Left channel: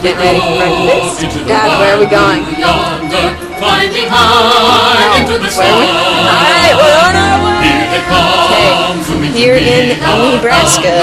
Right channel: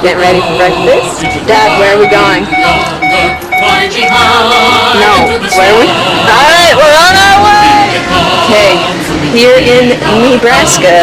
Getting ready for breakfast. Dad, where are we going? Climbing high into the sky. Alright, we're on our way! Okay, here in Nebraska.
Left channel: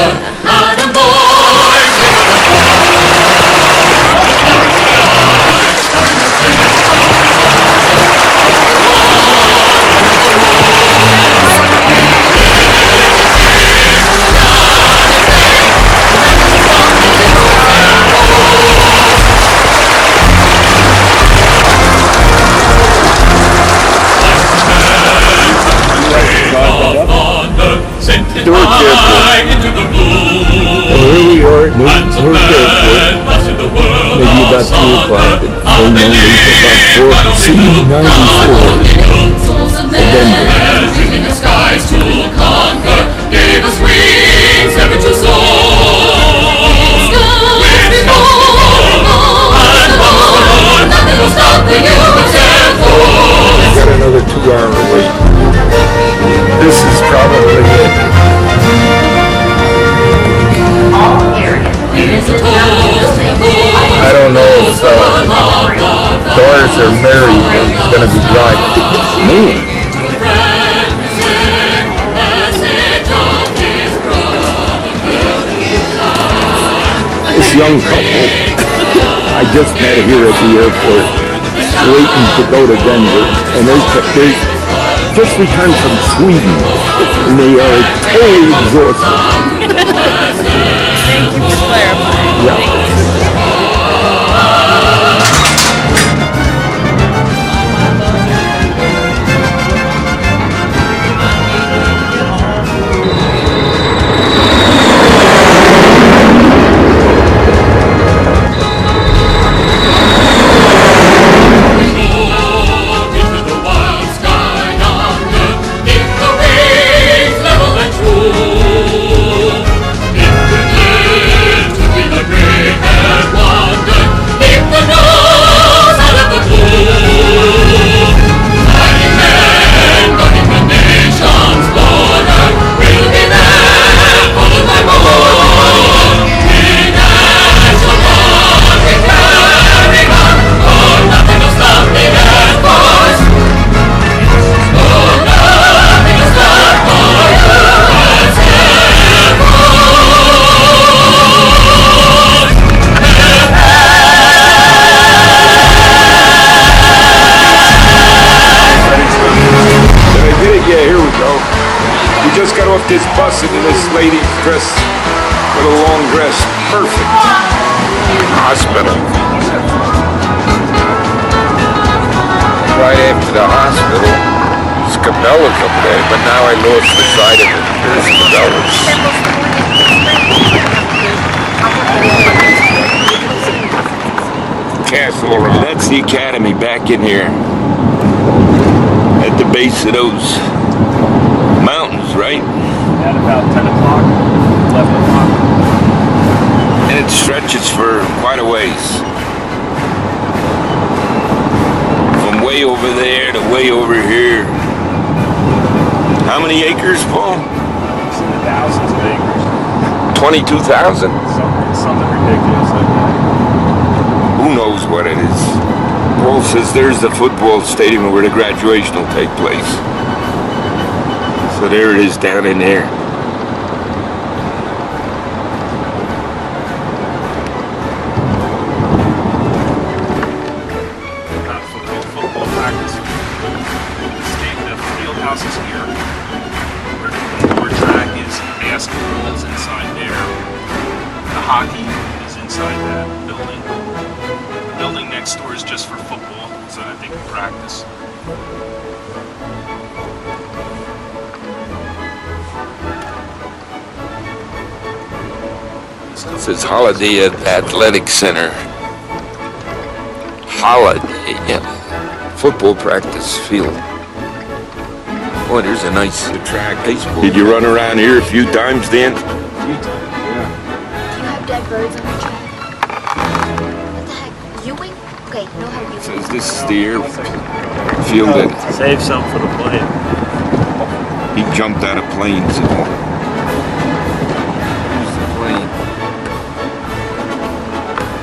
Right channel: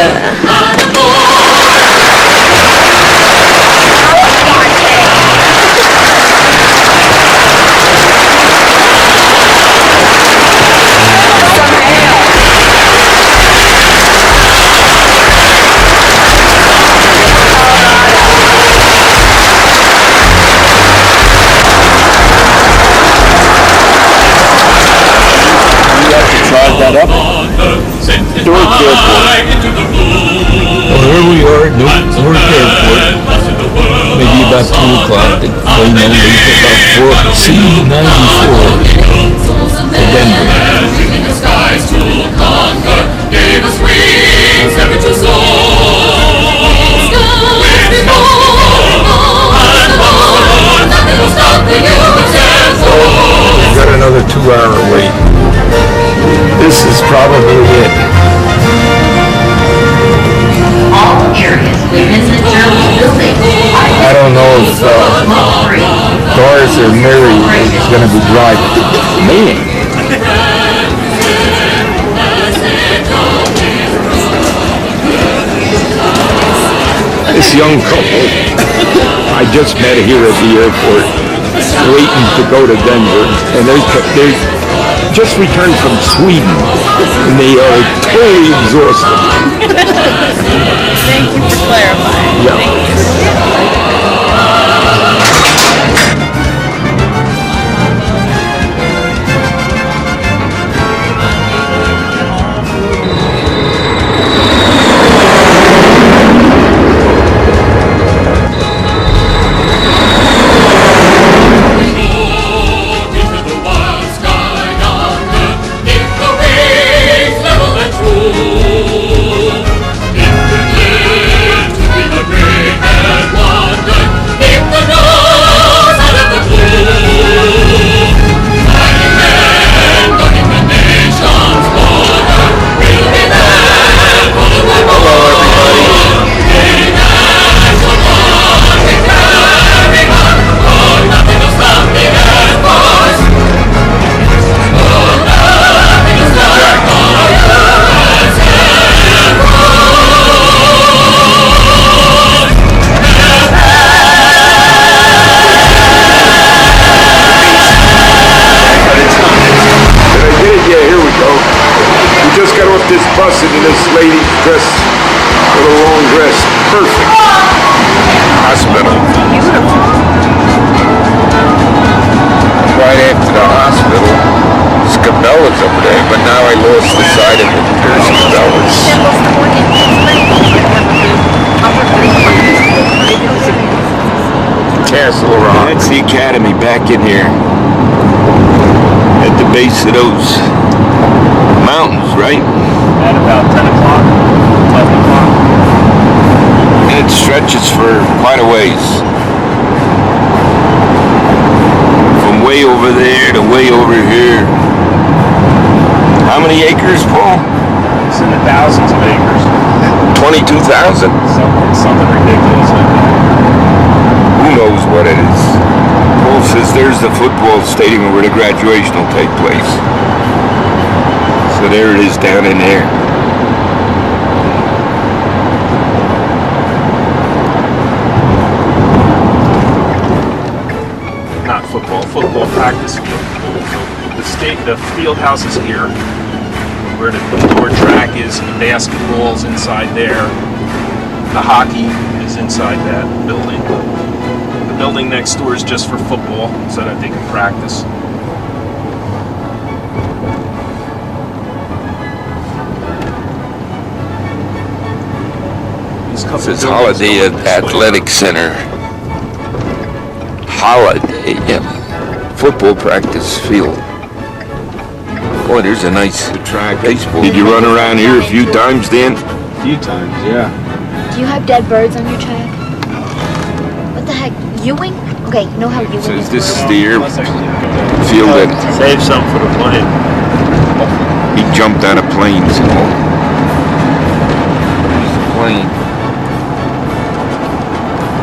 Into the blue. Here we are, no more maybe about 2 o'clock at Dreaming the skies to conquer, gave us wings never to soar. Nothing will stop the USAF. We've got another 2-hour wait. This is probably it. I don't know if Doris or Mary is going to be driving. Me? This young couple, I just met here at the airport, waiting to go to Denver, and they just returned from Sweden, and they are totally exhausted. Thank you for clarifying. Thank you. This bus into this lady's dress with a long dress. Perfect. Hospital. Right after the hospital. Scabella's up there, but now I lost the side of it. Castle around. That's the academy back in here. At the base of those mountains, right? And it stretches for quite a ways. From way over there to way over here. How many acres, Paul? It's in the thousands of acres. 22,000? Something ridiculous. Who knows what it is? Paul says there's the football stadium where the graduation will take place. So there it is down in there. Not football practice. The field house is here, where the indoor track is, basketball's inside there. The hockey is inside that building. The building next door is just for football, so that they can practice. It's Holiday Athletic Center. Holiday football practice field. Oh, there's a nice track. Did you run around here a few times, Dan? A few times, yeah. Do you have dead birds on your track? What the heck? Ewing? Okay, know how Ewing Says this is the airfield that Save some for the plane. he jumped out of planes and all. There's the plane.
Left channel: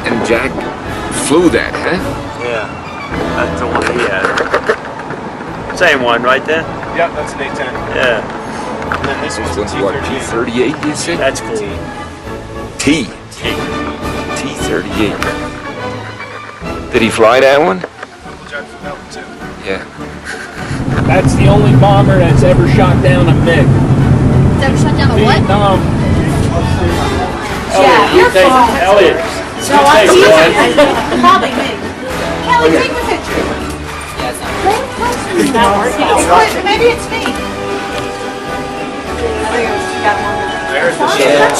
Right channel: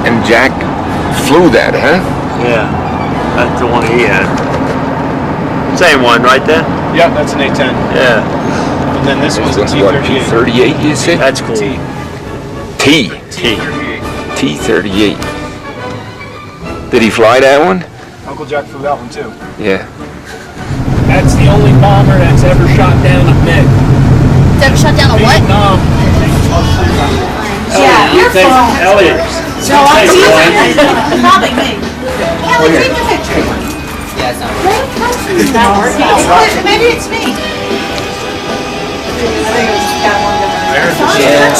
And Jack flew that, huh? Yeah. That's the one we had. Same one, right there? Yeah, that's an A10. Yeah. And then this was This a one's what, P38 you said? That's cool. T. T38. T38. Did he fly that one? Uncle Jack flew that one too. Yeah. That's the only bomber that's ever shot down a MiG. Ever shot down a what? Vietnam. Yeah, you're fine. Elliot. No, I'm probably me. Kelly, take the picture. Maybe it's me. I think it was got one guy. There's the Yeah.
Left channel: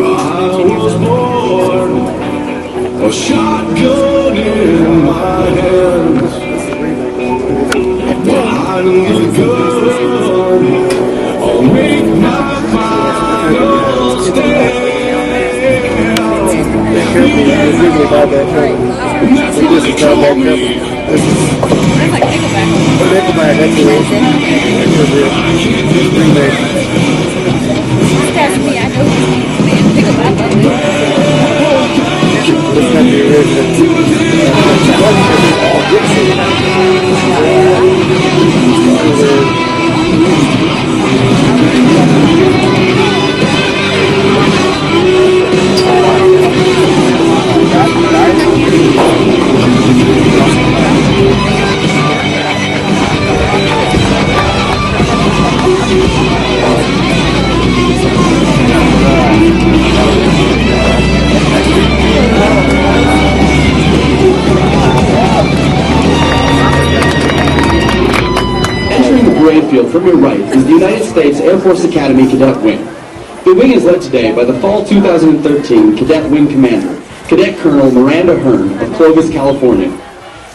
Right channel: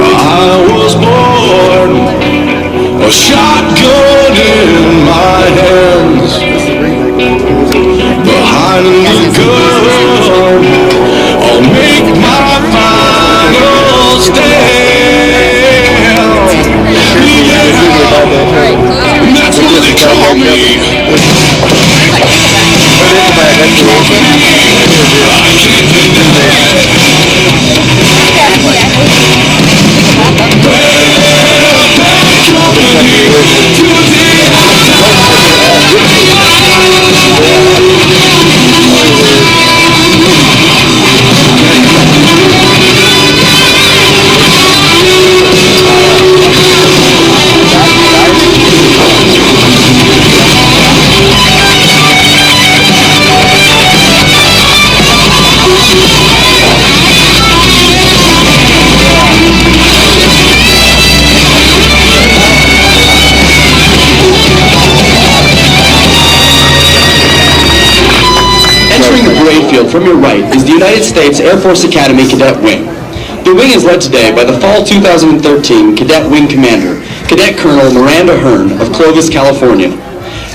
I was born, a shotgun in my hands. Behind the gun, I'll make my final stand. Yeah, that's what they call me. Entering the parade field from your right is the United States Air Force Academy Cadet Wing. The wing is led today by the Fall 2013 Cadet Wing Commander, Cadet Colonel Miranda Hearn of Clovis, California.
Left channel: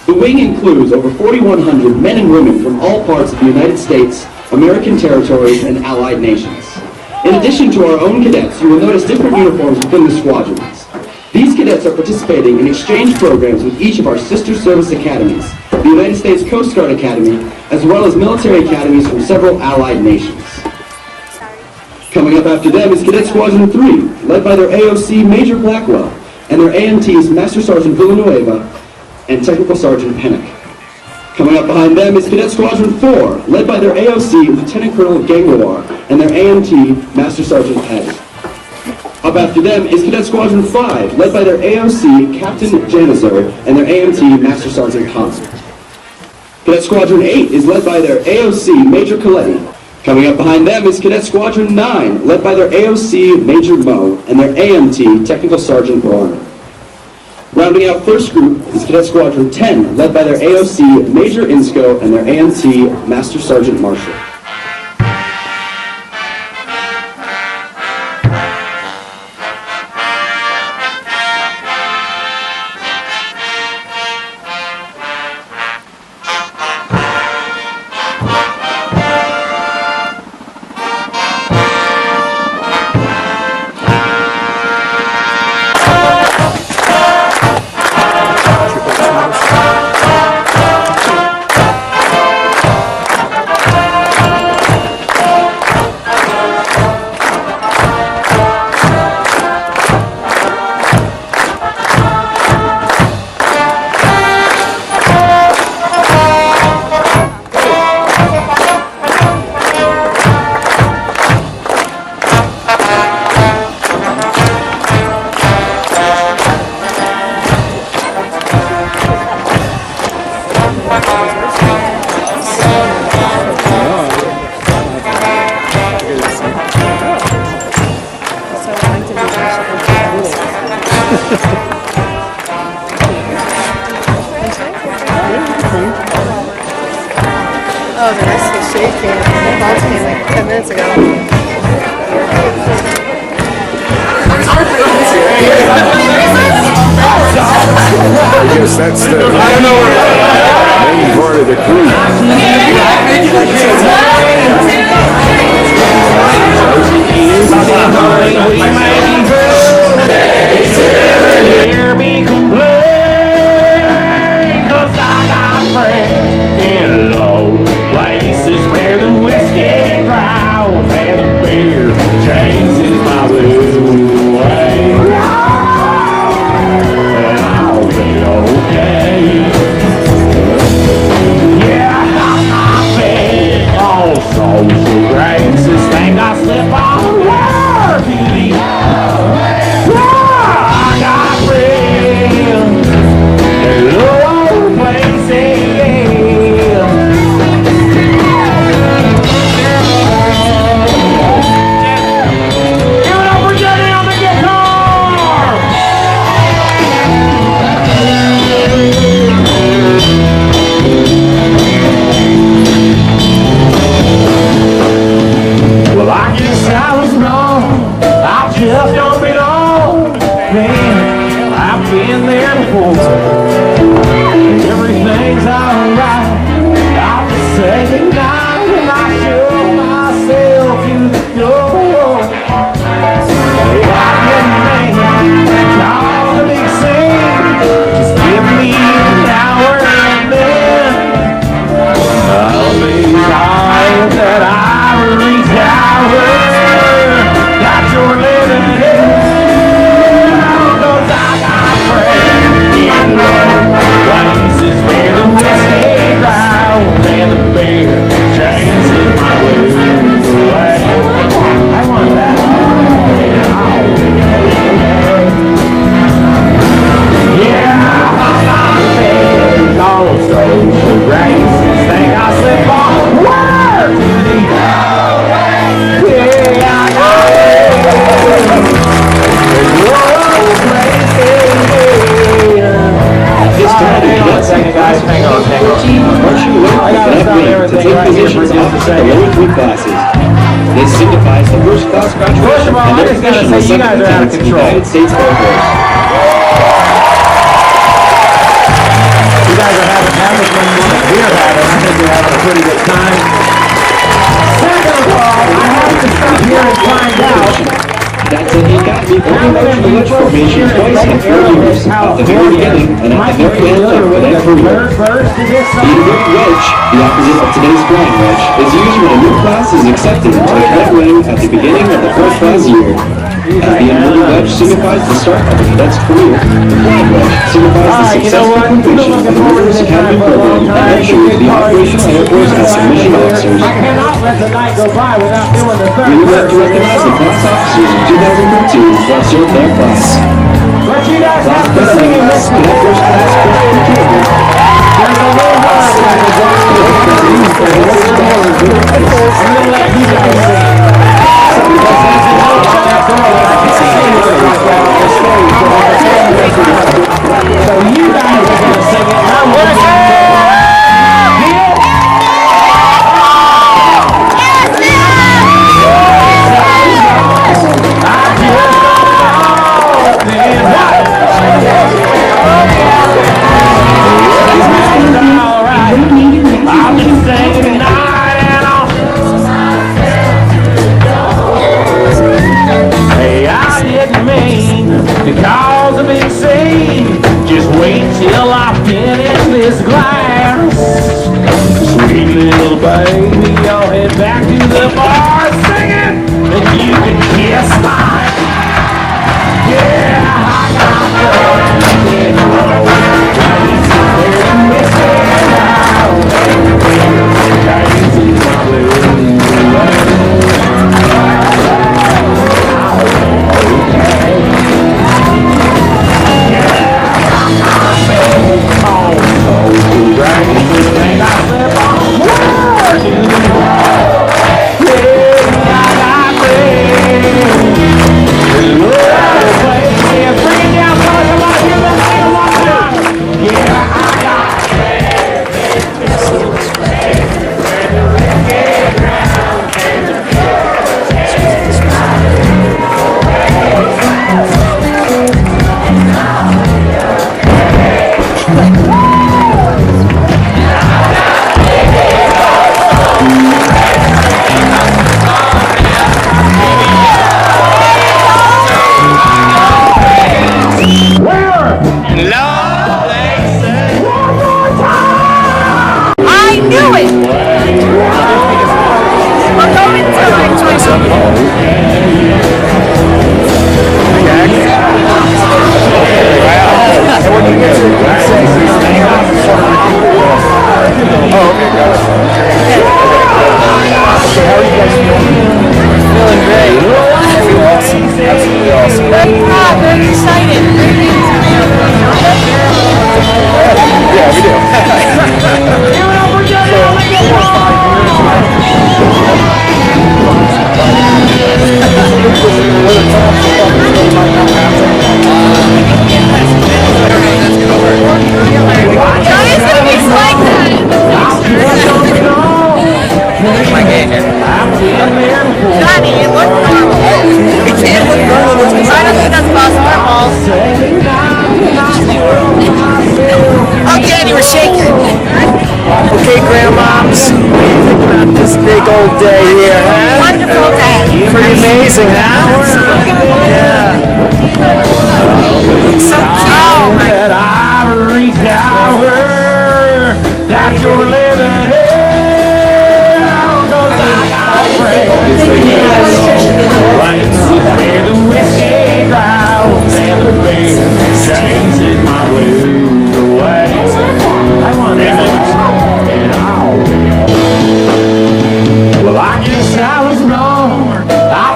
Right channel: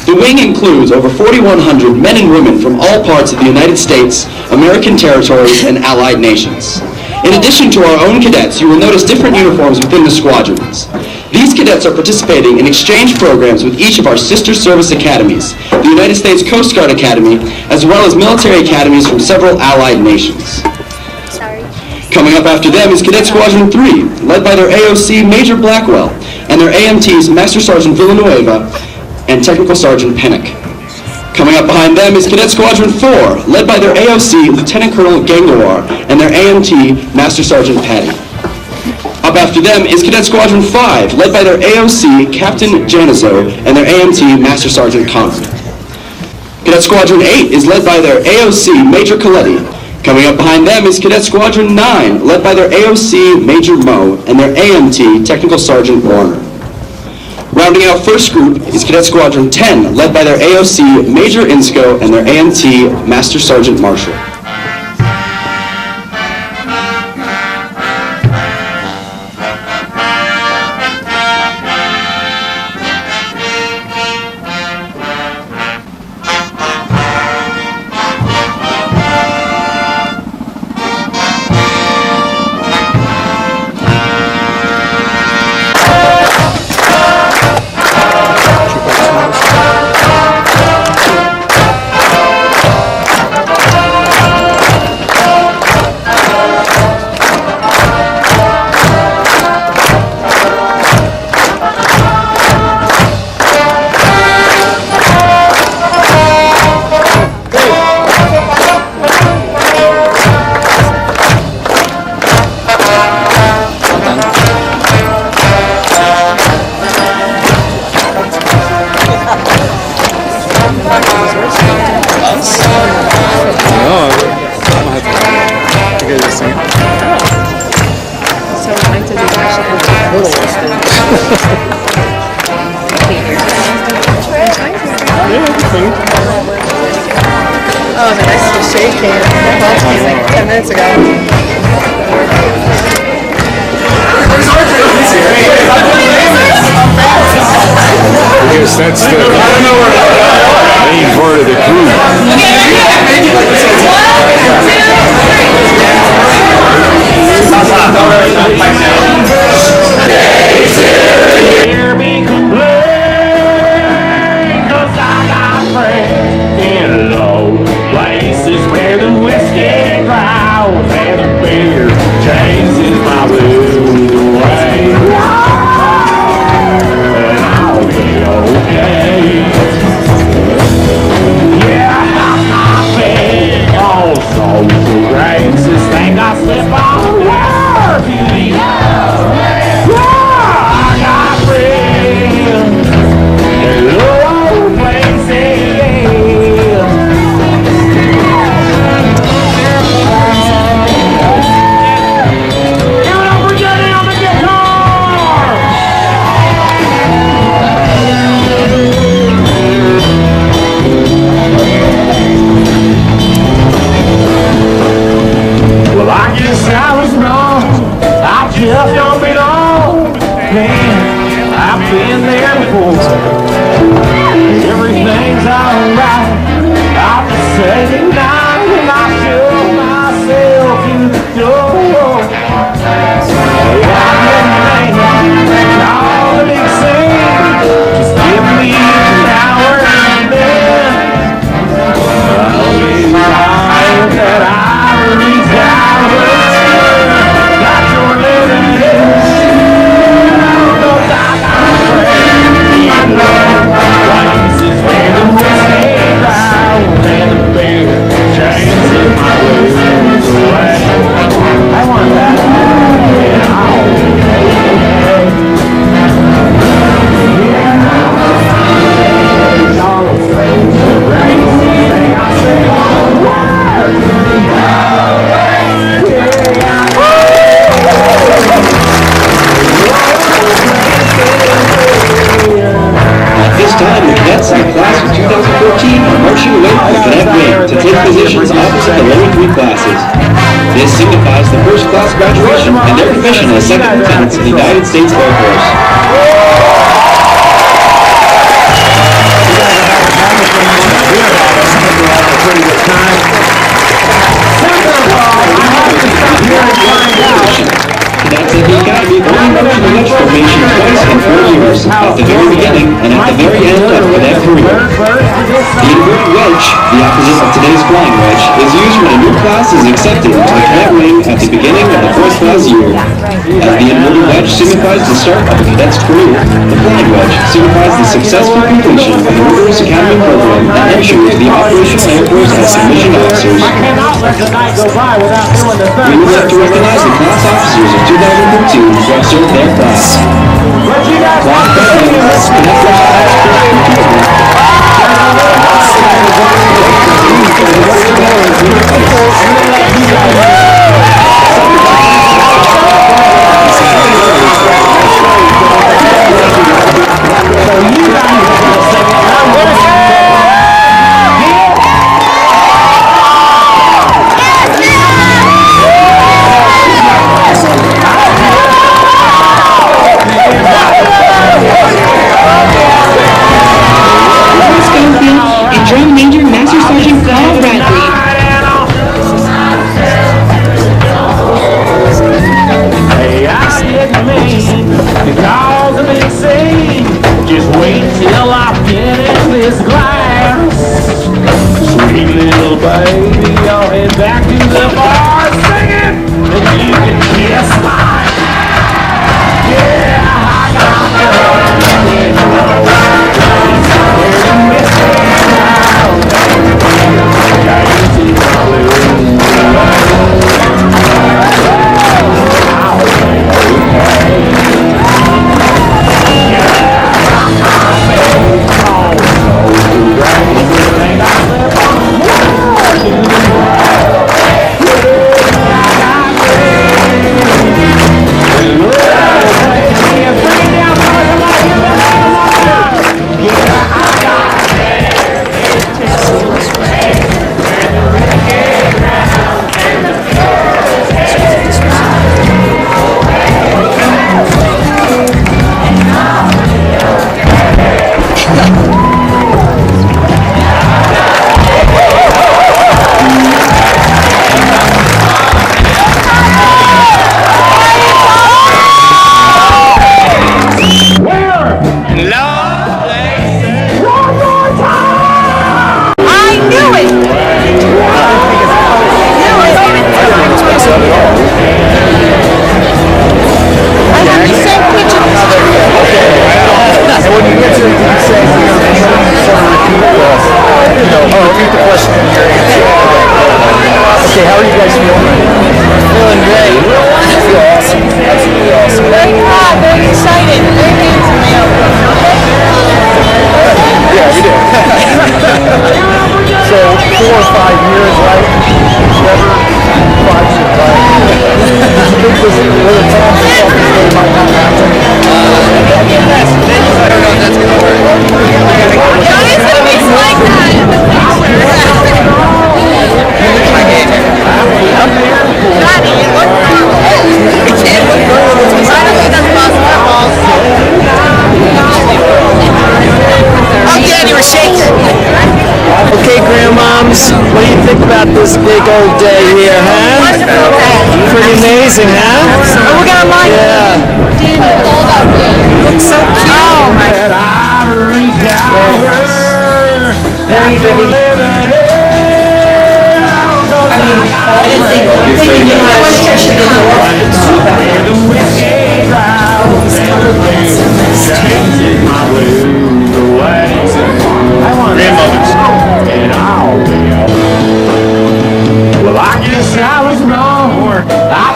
The wing includes over 4,100 men and women from all parts of the United States, American territories, and allied nations. In addition to our own cadets, you will notice different uniforms within the squadrons. These cadets are participating in exchange programs with each of our sister service academies, the United States Coast Guard Academy, as well as military academies from several allied nations. Coming up after them is Cadet Squadron 3, led by their AOC Major Blackwell, and their AMTs Master Sergeant Villanueva and Technical Sergeant Pennick. Coming up behind them is Cadet Squadron 4, led by their AOC Lieutenant Colonel Gangawar and their AMT Master Sergeant Patty. Up after them is Cadet Squadron 5, led by their AOC Captain Janizo and their AMT Master Sergeant Conrad. Cadet Squadron 8 is led by their AOC Major Coletti. Coming up behind them is Cadet Squadron 9, led by their AOC Major Moe and their AMT Technical Sergeant Warner. Rounding out first group is Cadet Squadron 10, led by their AOC Major Insco and their AMT Master Sergeant Marshall. guess that's the main part of the cruise. Hear me complain, 'cause I got friends in low places where the whiskey clouds and the beer chases my blues away. And I'll be okay. Yeah, I'm big on social graces. Think I slip on the word to the I got friends in low places. Give it up for Jenny on the guitar! Well, I guess I was wrong. I just don't belong. Man, I've been there before. Everything's alright. I'll just say goodnight and I shove myself in the door. I didn't make all the big scene. Just give me an hour and then I'll be tired that I reach out. Got your living here. Places where the whiskey crowds and the beer chases my blues away. I want that. And I'll be okay. Yeah, I'm all social graces. Think I say all the words. Yeah, I gotta stop everything right here for just a second. This signifies the first class graduation. First of all, I just gotta say you guys are out of control. United States Air Force. You guys are having fun that we're having. I think we're having a pretty good time. Second of all, I have to stop here and find out how many of you folks here at Arrowhead, California might be familiar with the third verse to this song. The opposite of today's flying wedge is used when a new class is accepted into the red wing at the beginning of the first class year. The yellow wedge signifies the start of the cadet's career. Alright, you know what? We've been looking forward to this time for a long time. It's a big party. I cannot let the night go by without doing the third verse of this song. But you guys have to sing it with me. There's a little heart attack is going on. What's the word? I'm going to let you guys sing. So you guys are going to sing it, and I'm going to sing it.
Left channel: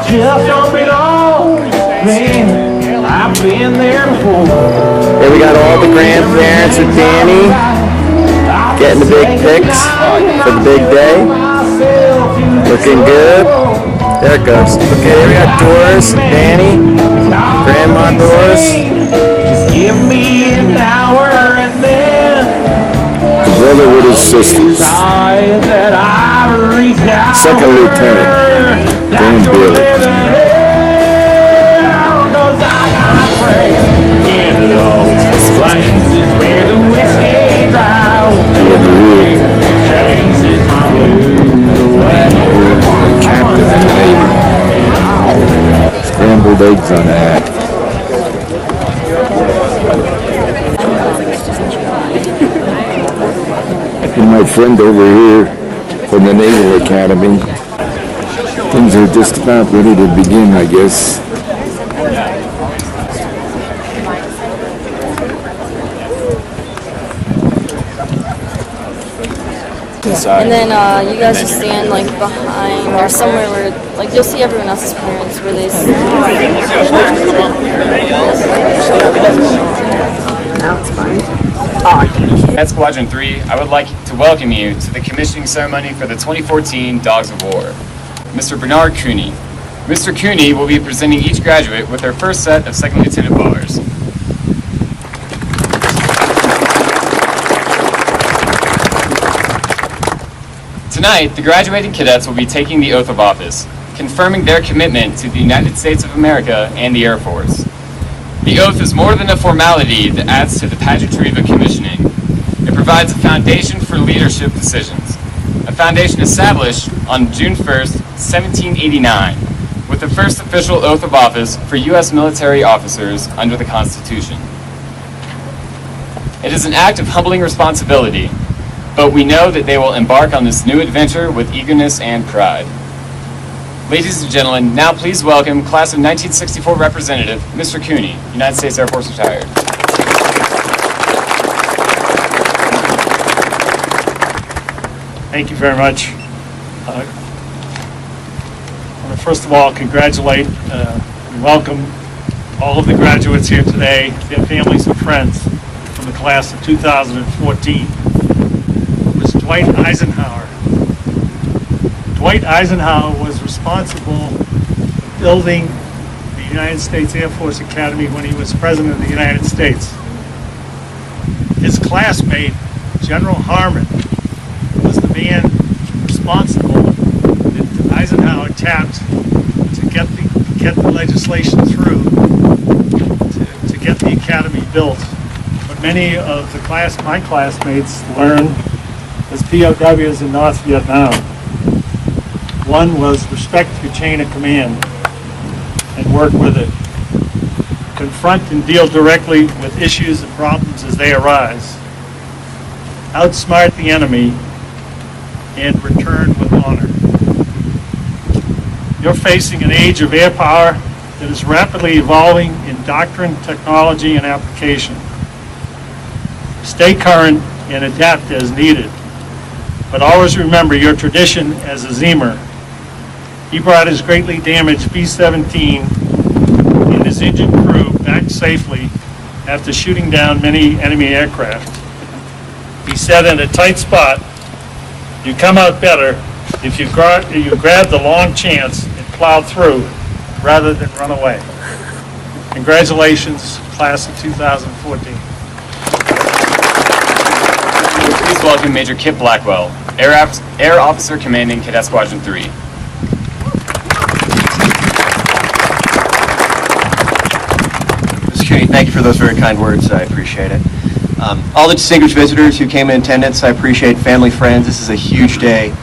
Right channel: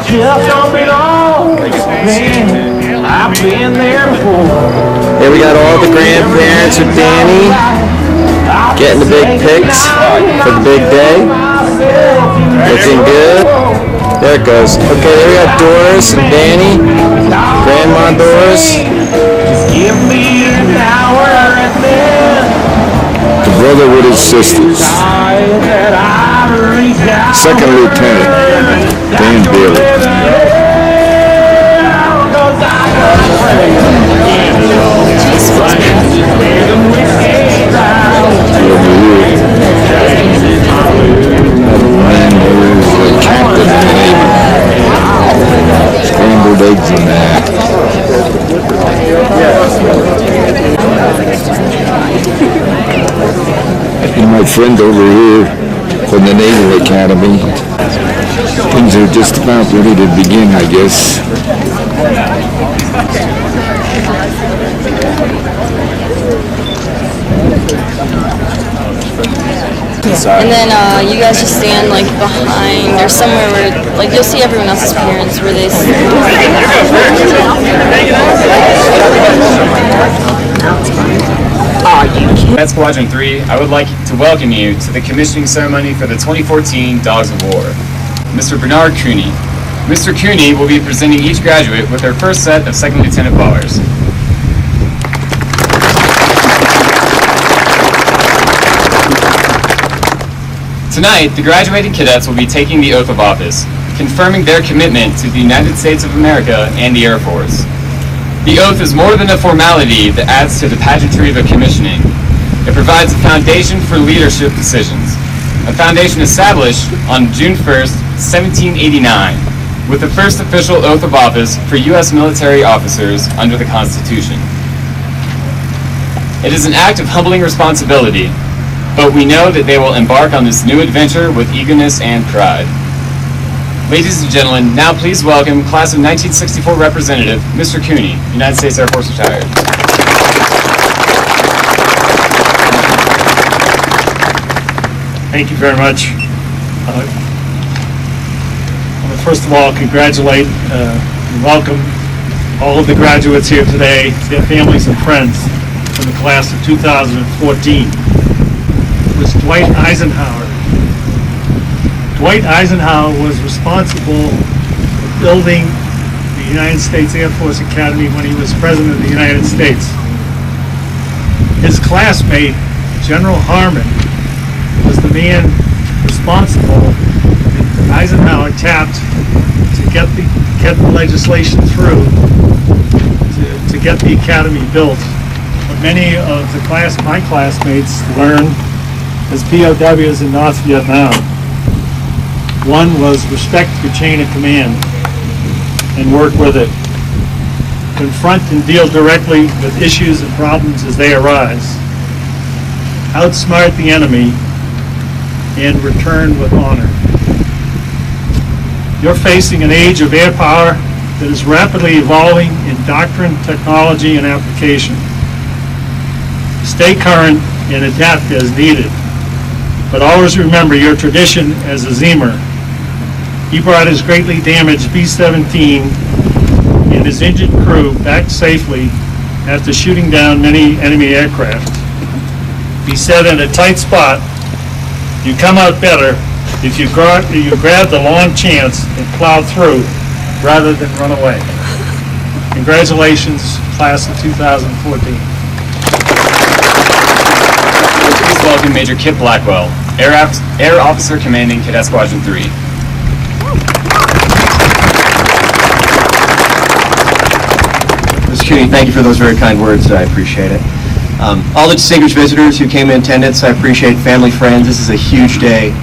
just don't belong. Man, I've been there before. There we got all the grandparents and Danny getting the big pics for the big day. Looking good. There it goes. Okay, there we got Doris and Danny. Grandma Doris. Just give me an hour and then Brother with his sisters. Second Lieutenant Dan Bailey. Scrambled eggs in that. And my friend over here from the Naval Academy. Things are just about ready to begin, I guess. And then you guys just stand like behind or somewhere where like you'll see everyone else's parents where they At Squadron 3, I would like to welcome you to the commissioning ceremony for the 2014 Dogs of War. Mr. Bernard Cooney. Mr. Cooney will be presenting each graduate with their first set of Second Lieutenant bars. Tonight, the graduating cadets will be taking the oath of office, confirming their commitment to the United States of America and the Air Force. The oath is more than a formality that adds to the pageantry of a commissioning. It provides a foundation for leadership decisions, a foundation established on June 1st, 1789, with the first official oath of office for U.S. military officers under the Constitution. It is an act of humbling responsibility, but we know that they will embark on this new adventure with eagerness and pride. Ladies and gentlemen, now please welcome Class of 1964 Representative, Mr. Cooney, United States Air Force retired. Thank you very much. I want to first of all congratulate and welcome all of the graduates here today, their families and friends from the class of 2014. It was Dwight Eisenhower. Dwight Eisenhower was responsible for building the United States Air Force Academy when he was President of the United States. His classmate, General Harmon, was the man responsible that Eisenhower tapped to get the legislation through to get the academy built. But many of my classmates learned as POWs in North Vietnam. One was respect your chain of command and work with it. Confront and deal directly with issues and problems as they arise. Outsmart the enemy and return with honor. You're facing an age of air power that is rapidly evolving in doctrine, technology, and application. Stay current and adapt as needed, but always remember your tradition as a Zemer. He brought his greatly damaged B-17 and his injured crew back safely after shooting down many enemy aircraft. He said in a tight spot, you come out better if you grab the long chance and plow through rather than run away. Congratulations, class of 2014. Please welcome Major Kip Blackwell, Air Officer Commanding Cadet Squadron 3. Mr. Cooney, thank you for those very kind words. I appreciate it. All the distinguished visitors who came in attendance, I appreciate. Family, friends, this is a huge day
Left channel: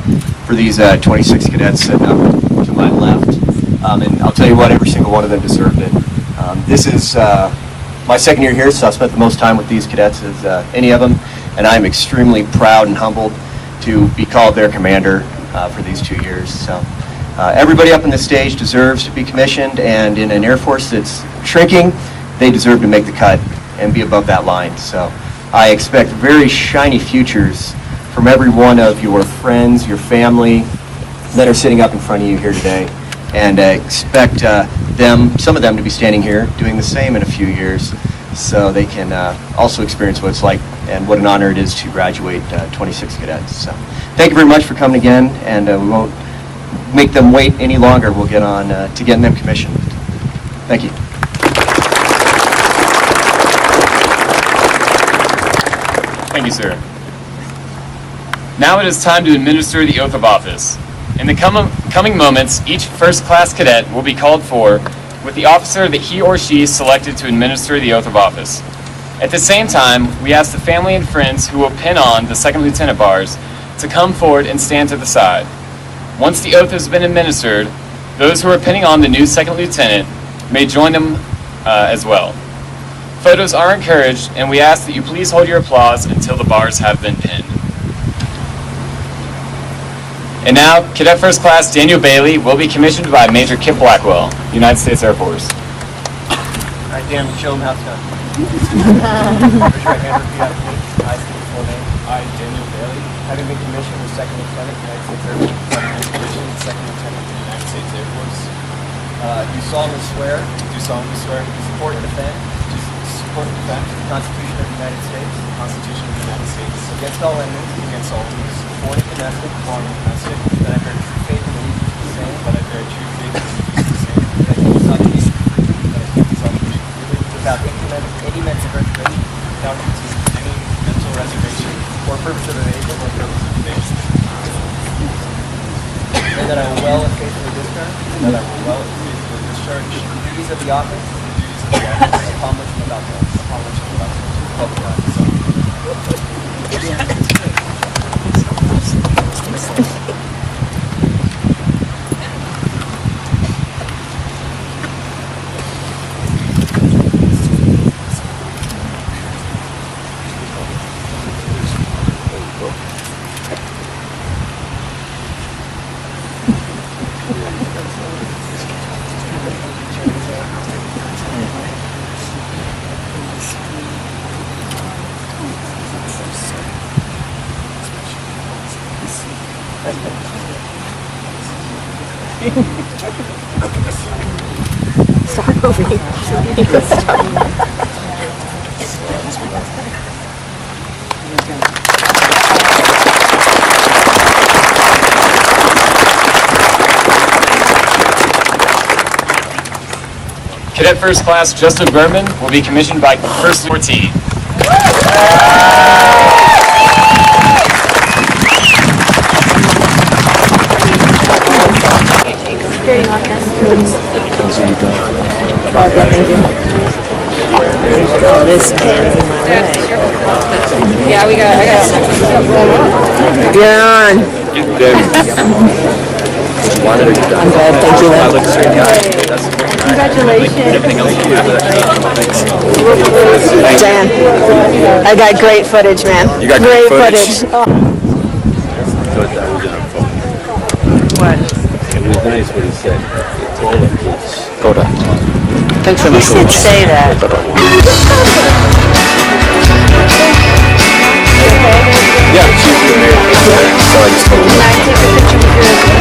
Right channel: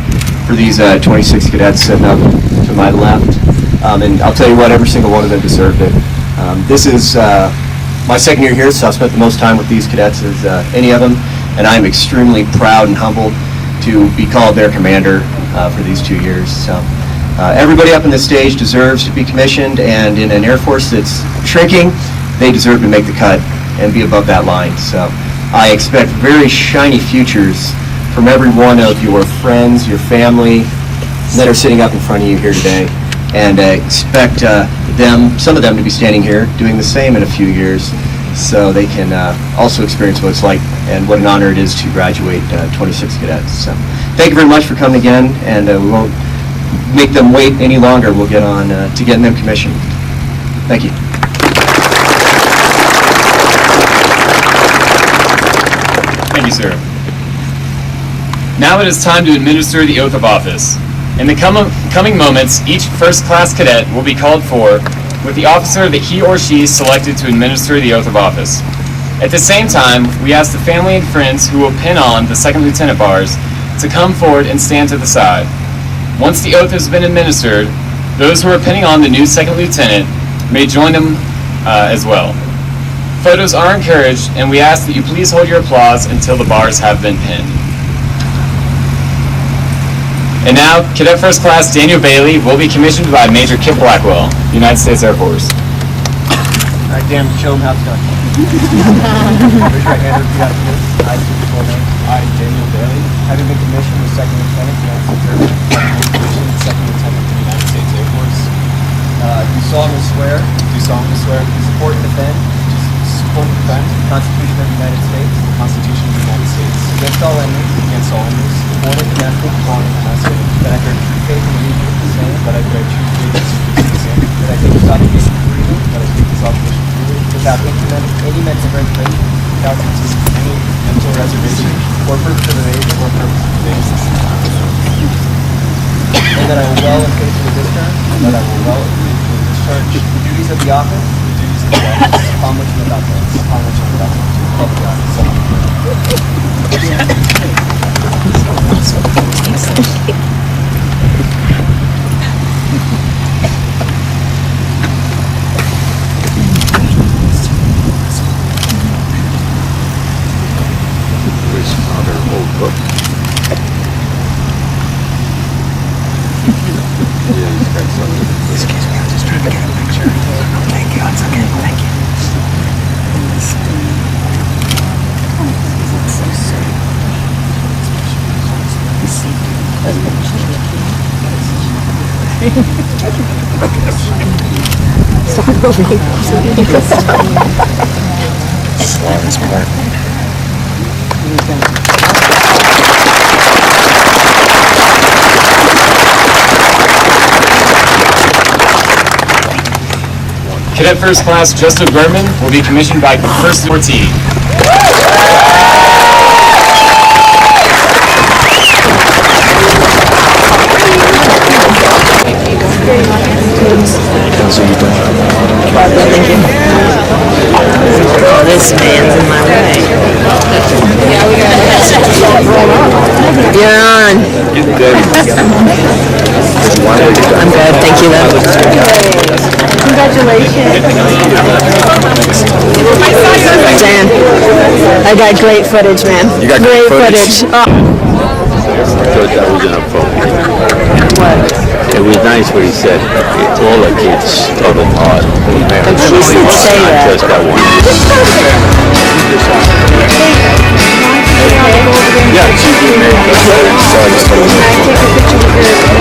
for these 26 cadets sitting up to my left. And I'll tell you what, every single one of them deserved it. This is my second year here, so I've spent the most time with these cadets as any of them, and I'm extremely proud and humbled to be called their commander for these 2 years. So everybody up on this stage deserves to be commissioned, and in an Air Force that's shrinking, they deserve to make the cut and be above that line. So I expect very shiny futures from every one of your friends, your family that are sitting up in front of you here today. and expect some of them to be standing here doing the same in a few years, so they can also experience what it's like and what an honor it is to graduate 26 cadets. So thank you very much for coming again, and we won't make them wait any longer. We'll get on to getting them commissioned. Thank you. Thank you, sir. Now it is time to administer the oath of office. In the coming moments, each first-class cadet will be called for with the officer that he or she selected to administer the oath of office. At the same time, we ask the family and friends who will pin on the second lieutenant bars to come forward and stand to the side. Once the oath has been administered, those who are pinning on the new second lieutenant may join them as well. Photos are encouraged, and we ask that you please hold your applause until the bars have been pinned. And now, Cadet First Class Daniel Bailey will be commissioned by Major Kip Blackwell, United States Air Force. All right, Dan, show them how it's done. Raise your right hand, repeat after me. I state your full name. I, Daniel Bailey, Having been commissioned as Second Lieutenant, United States Air Force. having been commissioned Second Lieutenant of the United States Air Force, Do solemnly swear do solemnly swear to support and defend to support and defend the Constitution of the United States the Constitution of the United States against all enemies, against all enemies, foreign and domestic, foreign and domestic, that I bear true faith and allegiance to the same, that I bear true faith and allegiance to the same, that I take this obligation freely, that I take this obligation freely, without any mental reservation without any mental reservation or purpose of evasion, or purpose of evasion, and that I will well and faithfully discharge and that I will well and faithfully discharge the duties of the office the duties of the office upon which I'm about to call the office. Start over here. Cadet First Class Justin Berman will be commissioned by First Lieutenant. This man's in my way. Yeah, I got You're on. I'm good, thank you though. Congratulations. Dan, I got great footage, man. You got great footage. Oh. What? It was nice what he said. All the kids told him hard. He did say that. That's what I wanted. Yeah, she's been married. So I just told her. Can I take a picture with your...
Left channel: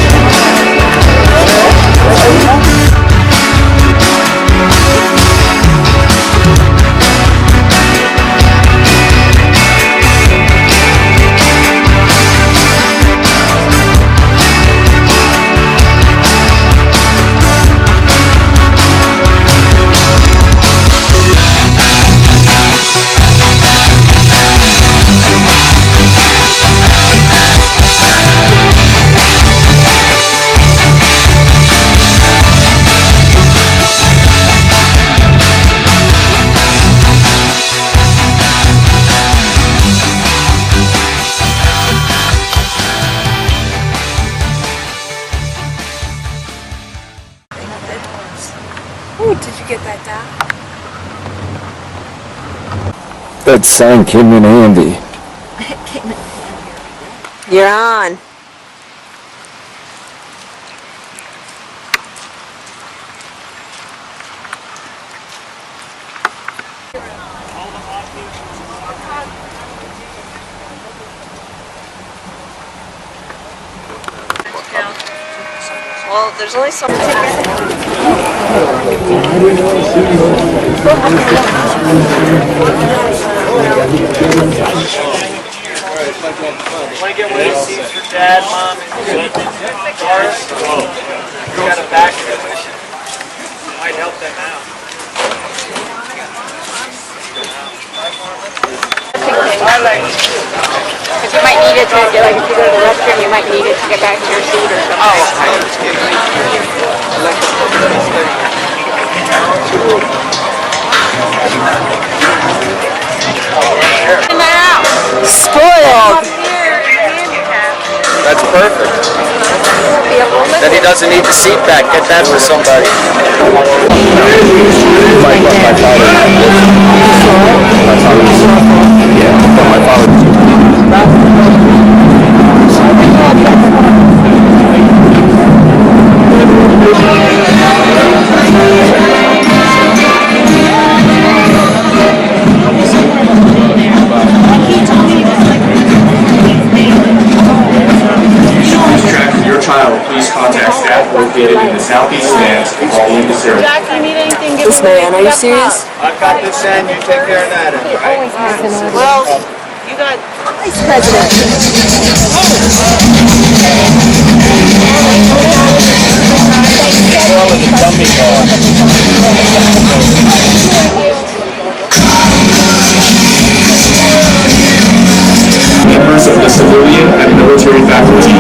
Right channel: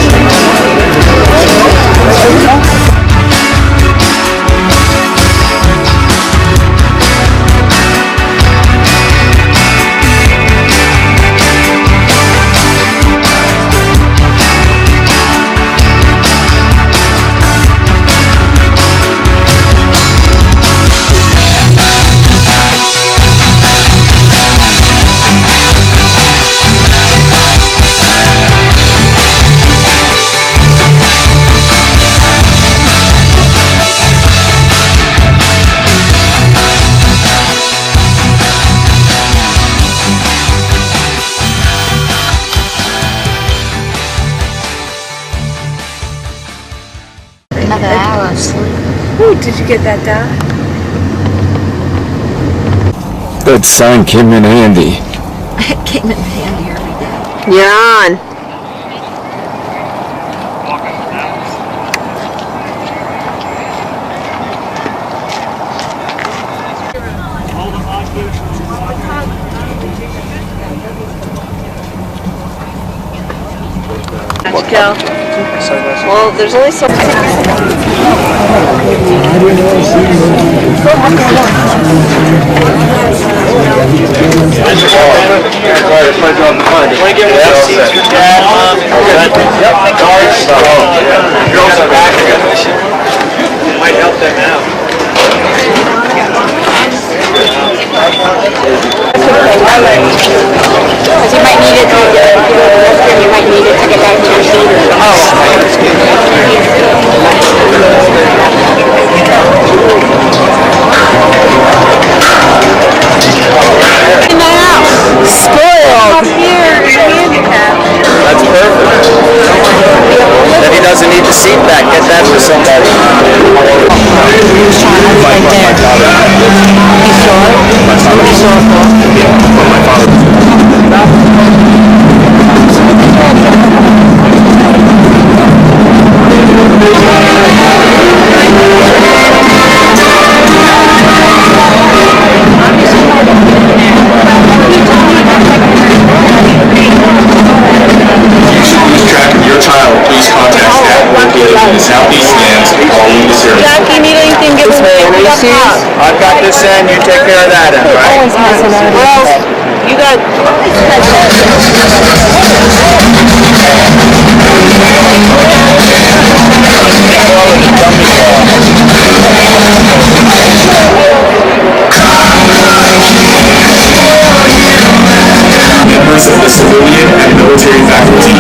Did you get that done? That sign came in handy. Came in handy every day. You're on. How'd you go? Well, there's only so many. Might help them out. He doesn't need the seat back, get that for somebody. This man, are you serious? I've got this in, you take care of that end, right? You got. Members of the civilian and military faculty.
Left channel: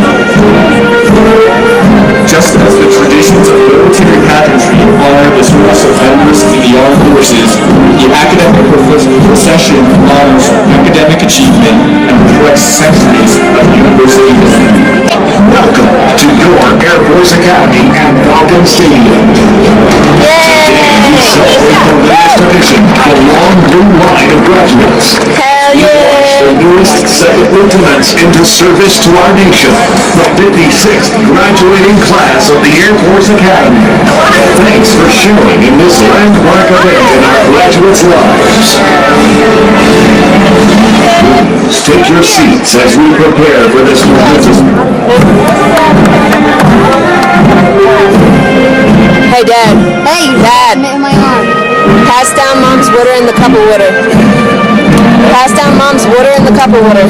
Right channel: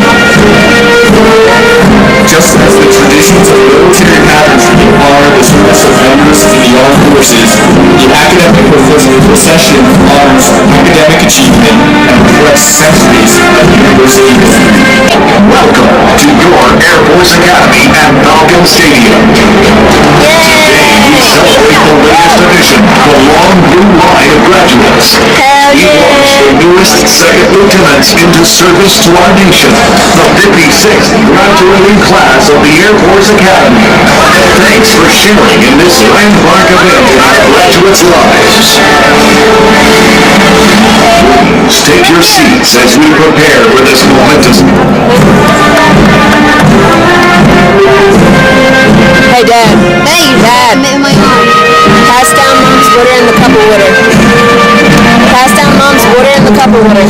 Just as the traditions of military pageantry honor the service of members in the armed forces, the academic procession honors academic achievement and reflects centuries of university history. Welcome to your Air Force Academy at Falcon Stadium. Today we celebrate the latest addition to the long blue line of graduates. We launched the newest second lieutenants into service to our nation, the 56th graduating class of the Air Force Academy. Thanks for sharing in this landmark event in our graduates' lives. Please take your seats as we prepare for this momentous. Hey, Dad. Hey, Dad. Pass down Mom's water in the cup of water. Pass down Mom's water in the cup of water.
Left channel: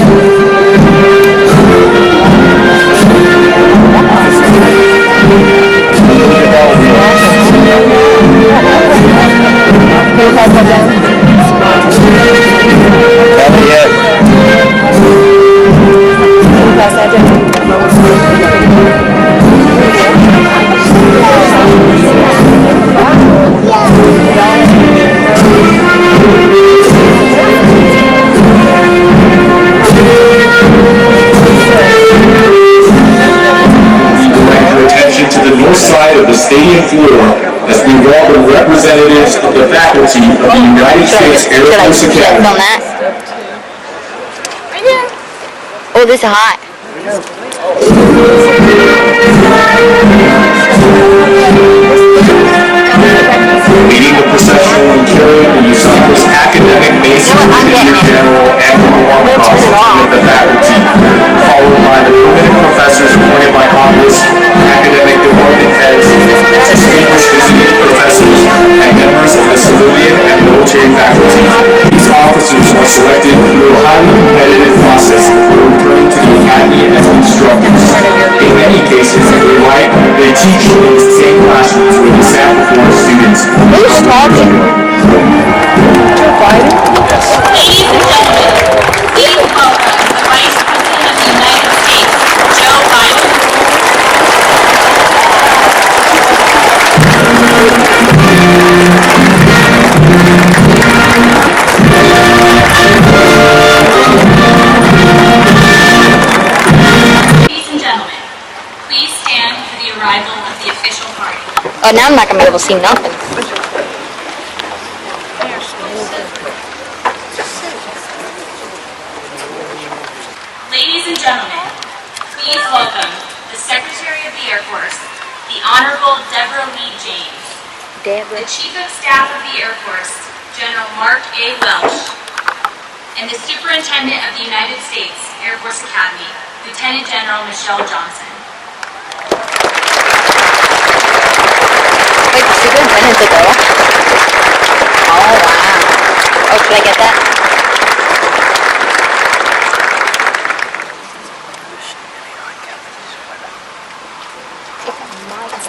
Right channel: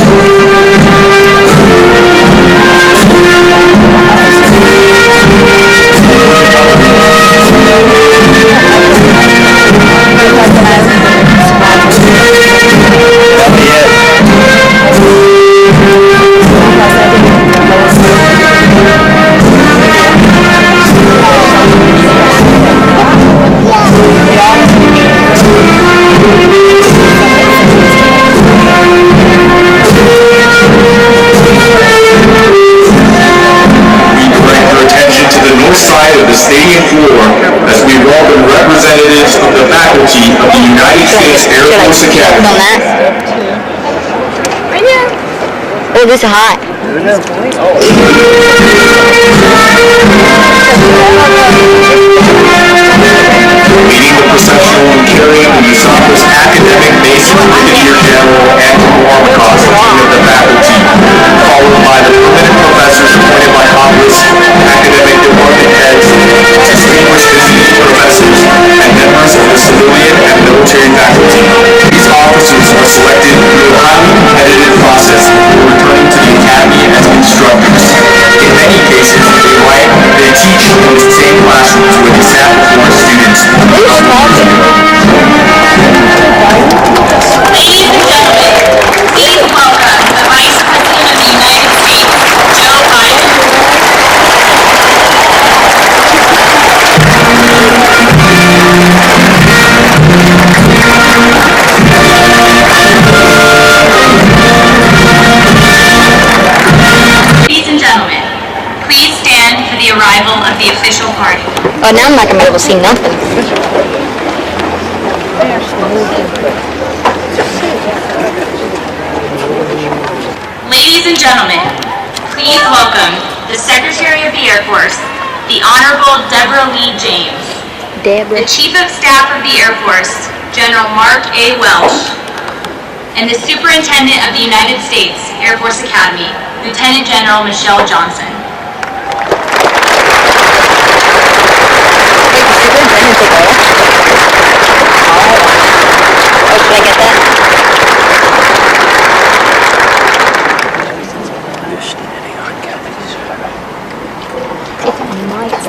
Stadium floor as we welcome representatives of the faculty of the United States Air Force Academy. Oh, this is hot. Leading the procession and carrying the USAF's academic basic Major General and of the faculty, followed by the permanent professors appointed by Congress, academic department heads, distinguished visiting professors, and members of the civilian and military faculty. These officers are selected through a highly competitive process for return to the academy as instructors. In many cases, they teach in the same classrooms with the staff and the students. Ladies and gentlemen, please welcome the Vice President of the United States, Joe Biden. Ladies and gentlemen, please stand for the arrival of the official party. I'm not going to be able to see nothing. Ladies and gentlemen, please welcome the Secretary of the Air Force, the Honorable Deborah Lee James, the Chief of Staff of the Air Force, General Mark A. Welsh, and the Superintendent of the United States Air Force Academy, Lieutenant General Michelle Johnson.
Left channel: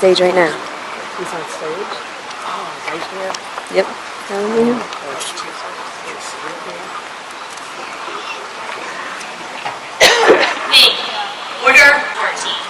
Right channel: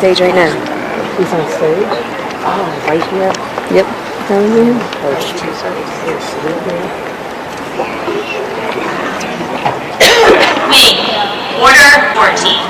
stage right now. He's on stage? Oh, right here? Yep. Wing, Order 14.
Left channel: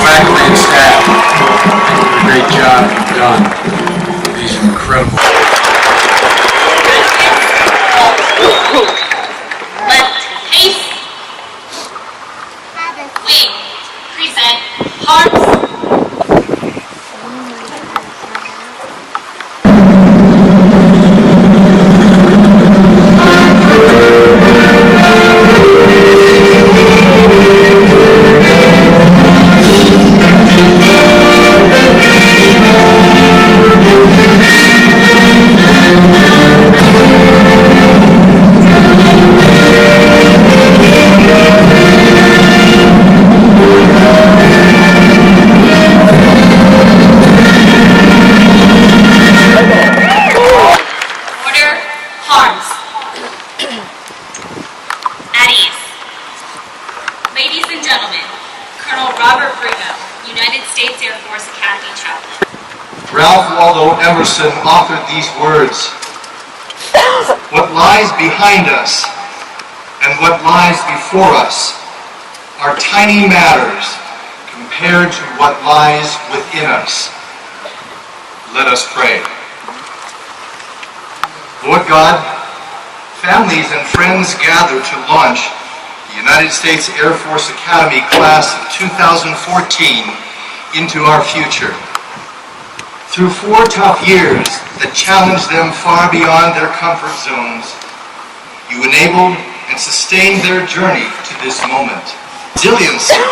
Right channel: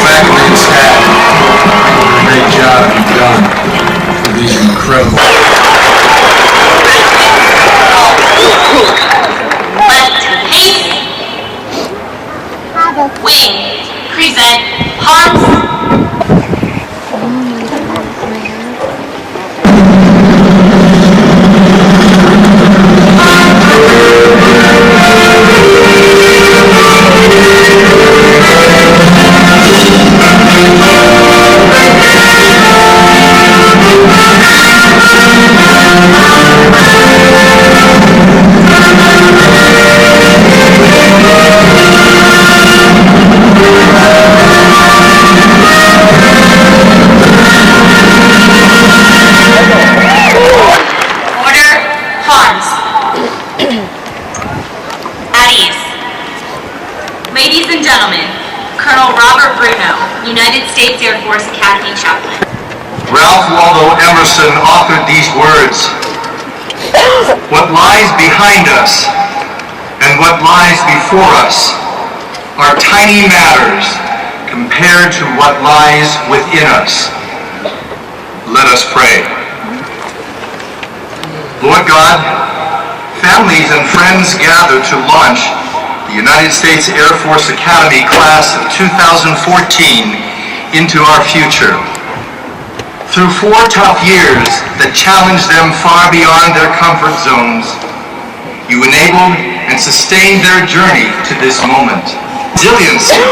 Faculty and staff, thank you for the great job you've done for these incredible. Left pace. Wing, present, arms. Ladies and gentlemen, Colonel Robert Bruno, United States Air Force Academy Chaplain. Ralph Waldo Emerson authored these words: "What lies behind us and what lies before us are tiny matters compared to what lies within us." Let us pray. Lord God, families and friends gather to launch the United States Air Force Academy class of 2014 into our future. Through 4 tough years that challenged them far beyond their comfort zones, you enabled and sustained their journey to this moment. Resiliency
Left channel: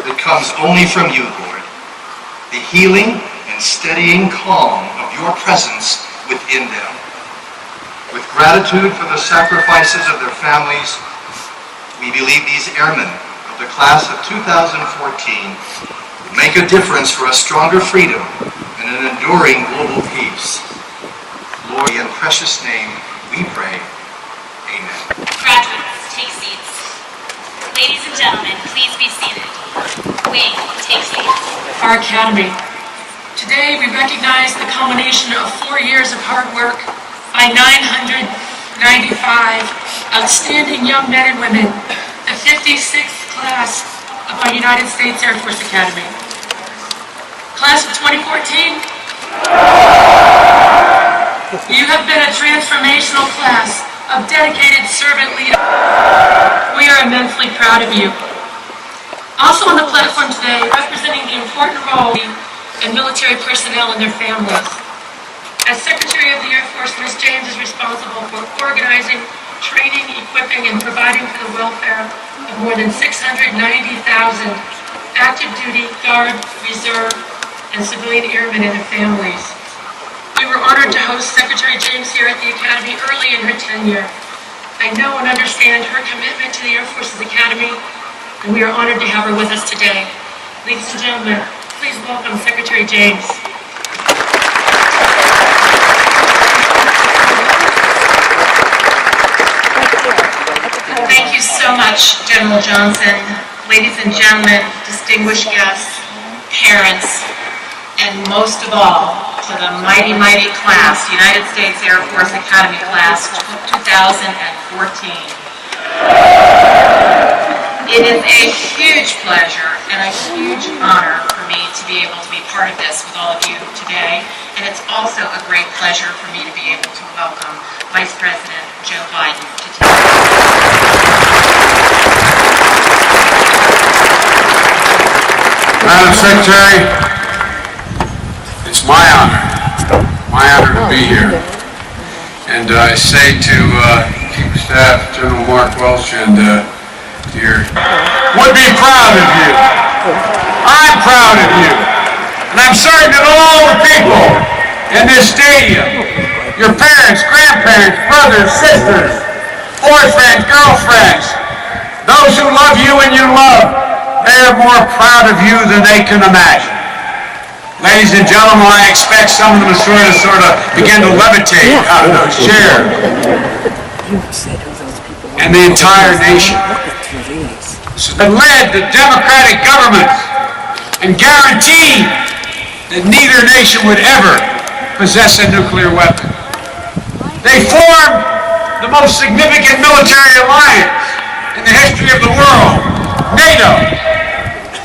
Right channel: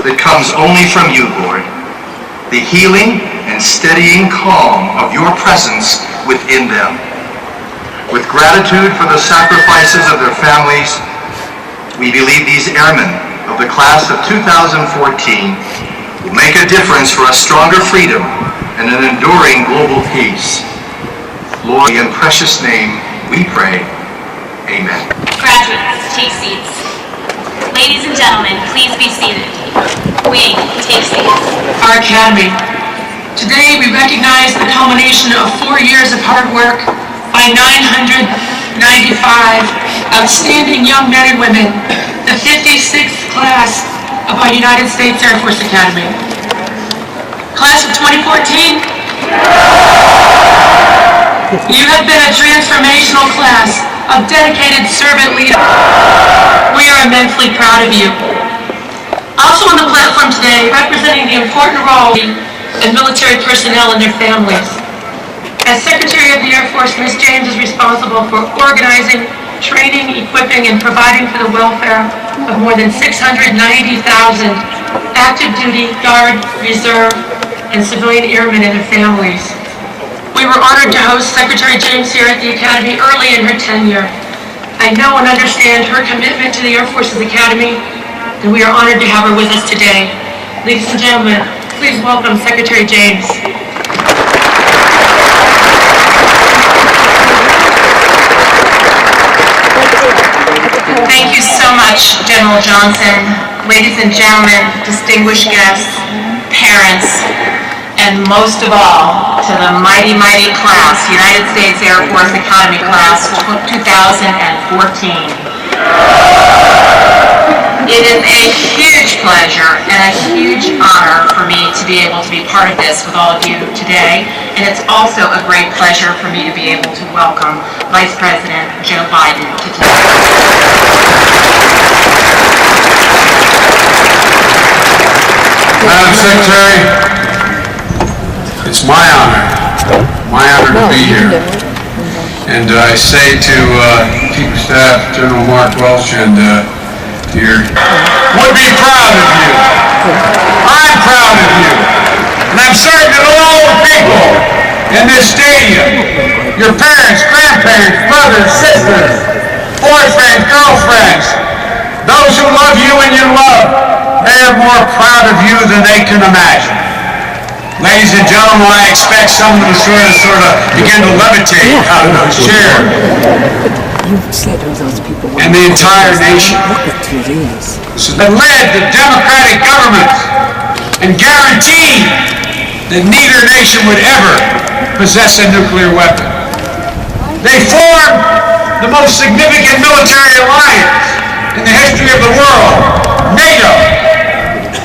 that comes only from you, Lord. The healing and steadying calm of your presence within them. With gratitude for the sacrifices of their families, we believe these airmen of the class of 2014 will make a difference for a stronger freedom and an enduring global peace. Lord, in precious name we pray. Amen. Graduates, take seats. Ladies and gentlemen, please be seated. Wing, take seats. Our Academy. Today we recognize the culmination of 4 years of hard work by 995 outstanding young men and women, the 56th class of our United States Air Force Academy. Class of 2014, you have been a transformational class of dedicated servant leaders. We are immensely proud of you. Also on the platform today, representing the important role of military personnel and their families. As Secretary of the Air Force, Ms. James is responsible for organizing, training, equipping, and providing for the welfare of more than 690,000 active duty, Guard, Reserve, and civilian airmen and their families. We were honored to host Secretary James here at the Academy early in her tenure. I know and understand her commitment to the Air Force's Academy and we are honored to have her with us today. Ladies and gentlemen, please welcome Secretary James. Thank you so much, General Johnson. Ladies and gentlemen, distinguished guests, parents, and most of all, to the mighty, mighty class, United States Air Force Academy Class 2014. It is a huge pleasure and a huge honor for me to be able to be part of this with all of you today, and it's also a great pleasure for me to be able to welcome Vice President Joe Biden to today. Madam Secretary, it's my honor to be here. And I say to Chief of Staff General Mark Welch and dear, would be proud of you. I'm proud of you. And I'm certain that all the people in this stadium, your parents, grandparents, brothers, sisters, boyfriends, girlfriends, those who love you and you love, they are more proud of you than they can imagine. Ladies and gentlemen, I expect some of them to sort of begin to levitate out of those chairs. And the entire nation that led the democratic governments and guaranteed that neither nation would ever possess a nuclear weapon. They formed the most significant military alliance in the history of the world, NATO,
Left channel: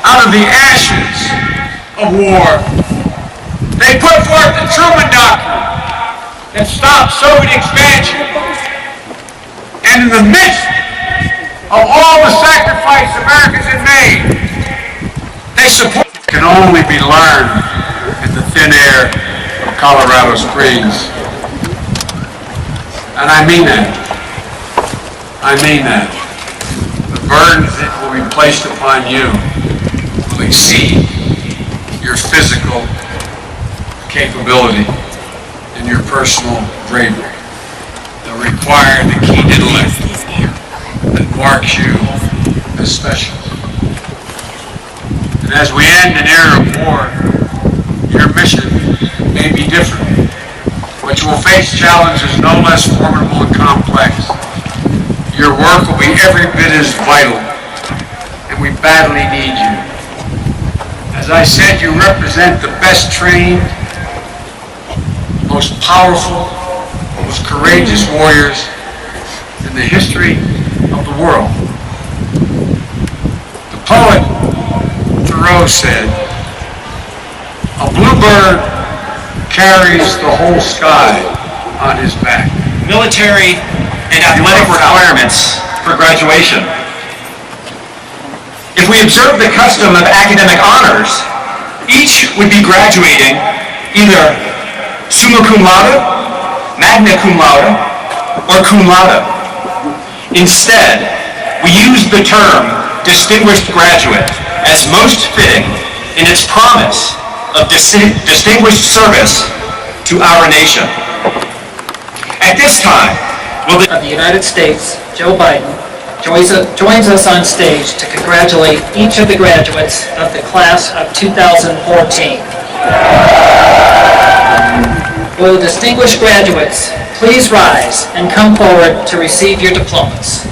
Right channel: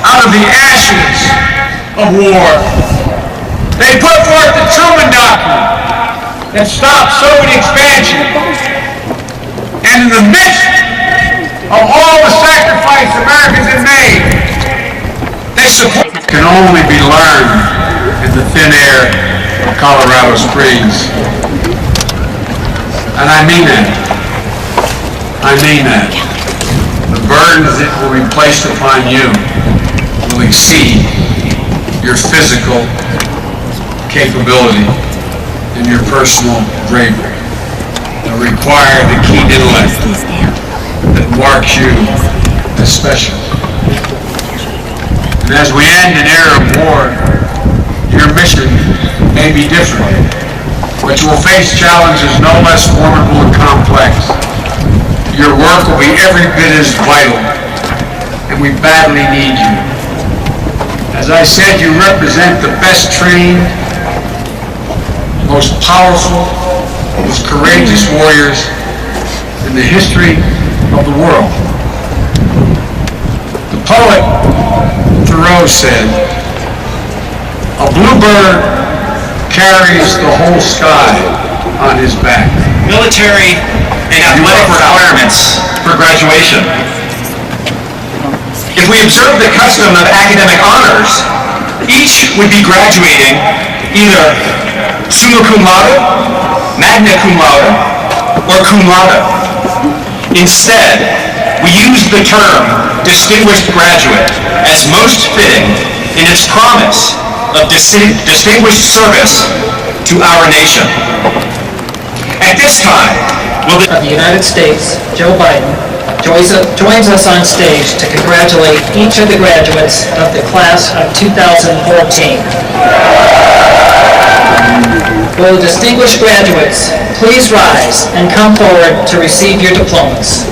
out of the ashes of war. They put forth the Truman Doctrine that stopped Soviet expansion. And in the midst of all the sacrifice Americans have made, they support can only be learned in the thin air of Colorado Springs. And I mean that. I mean that. The burdens that will be placed upon you will exceed your physical capability and your personal bravery. They'll require the keen intellect that marks you as special. And as we end an era of war, your mission may be different, but you will face challenges no less formidable and complex. Your work will be every bit as vital, and we badly need you. As I said, you represent the best trained, most powerful, most courageous warriors in the history of the world. The poet Thoreau said, "A bluebird carries the whole sky on his back." Military and athletic requirements for graduation. If we observe the custom of academic honors, each would be graduating either summa cum laude, magna cum laude, or cum laude. Instead, we use the term distinguished graduate as most fitting in its promise of distinguished service to our nation. At this time, will the United States, Joe Biden, joins us on stage to congratulate each of the graduates of the class of 2014. Will the distinguished graduates please rise and come forward to receive your diplomas.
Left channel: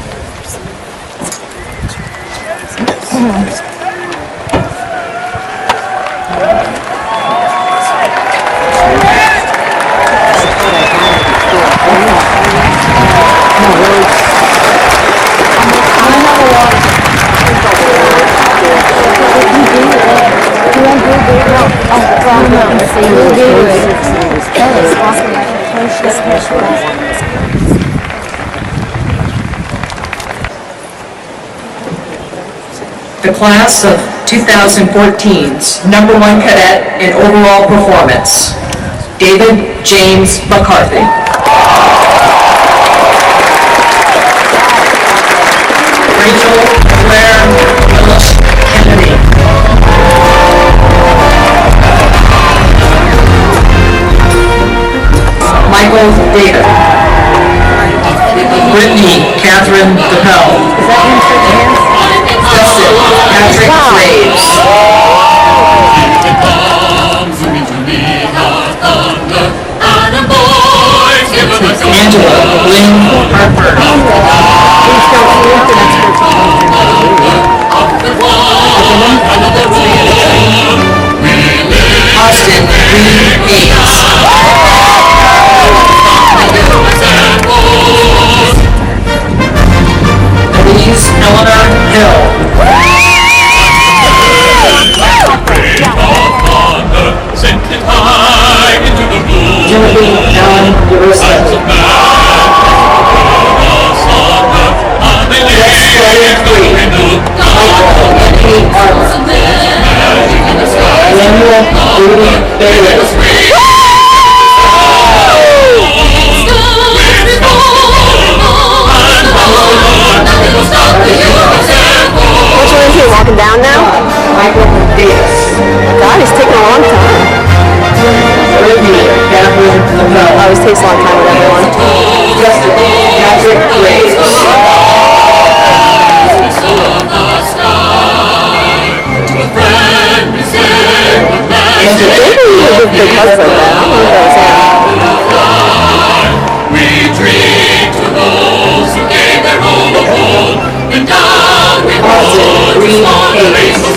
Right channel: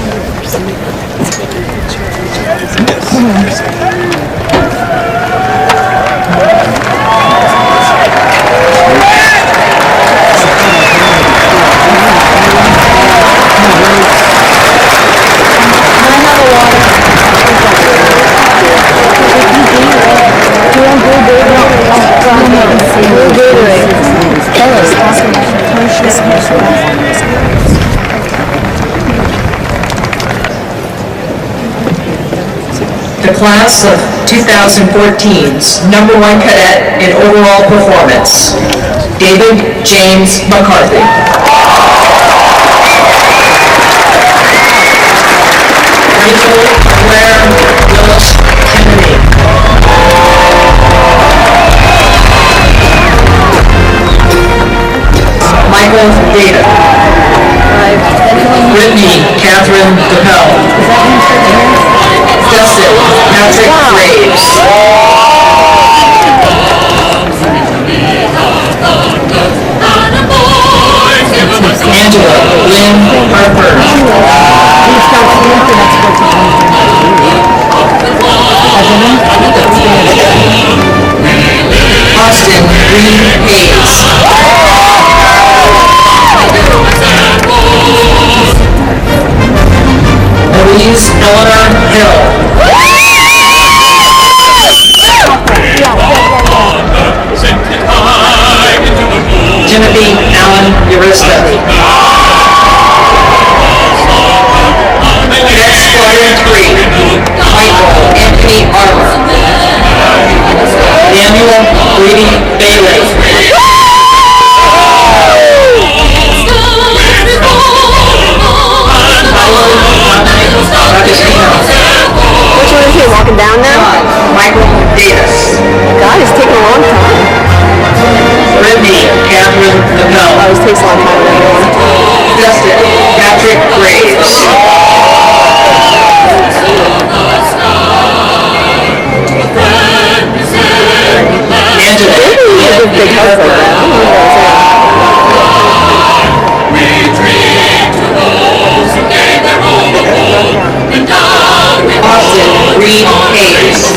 The class of 2014's #1 cadet in overall performance, David James McCarthy. Rachel Claire Willis Kennedy. Michael Data. Brittany Catherine DePel. Justin Patrick Graves. Angela Lynn Harper. Austin Reed Hayes. Louise Eleanor Hill. Genevieve Allen Urista. Anthony Arnold. Daniel Brady Bailey. Walking down now? Michael Davis. God, it's taking a long time. Brittany Catherine Lavelle. Always takes a long time with everyone. Justin Patrick Graves. We drink to those who gave their all of gold, and down we roll to storm the rainbow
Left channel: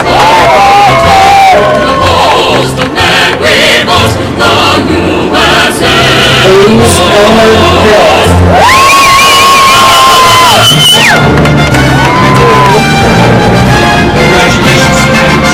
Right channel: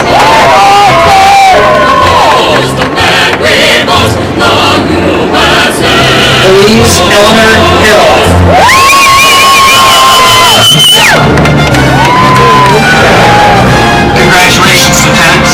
the most of man great most, the USA. Louise Eleanor Hill. Congratulations, cadets.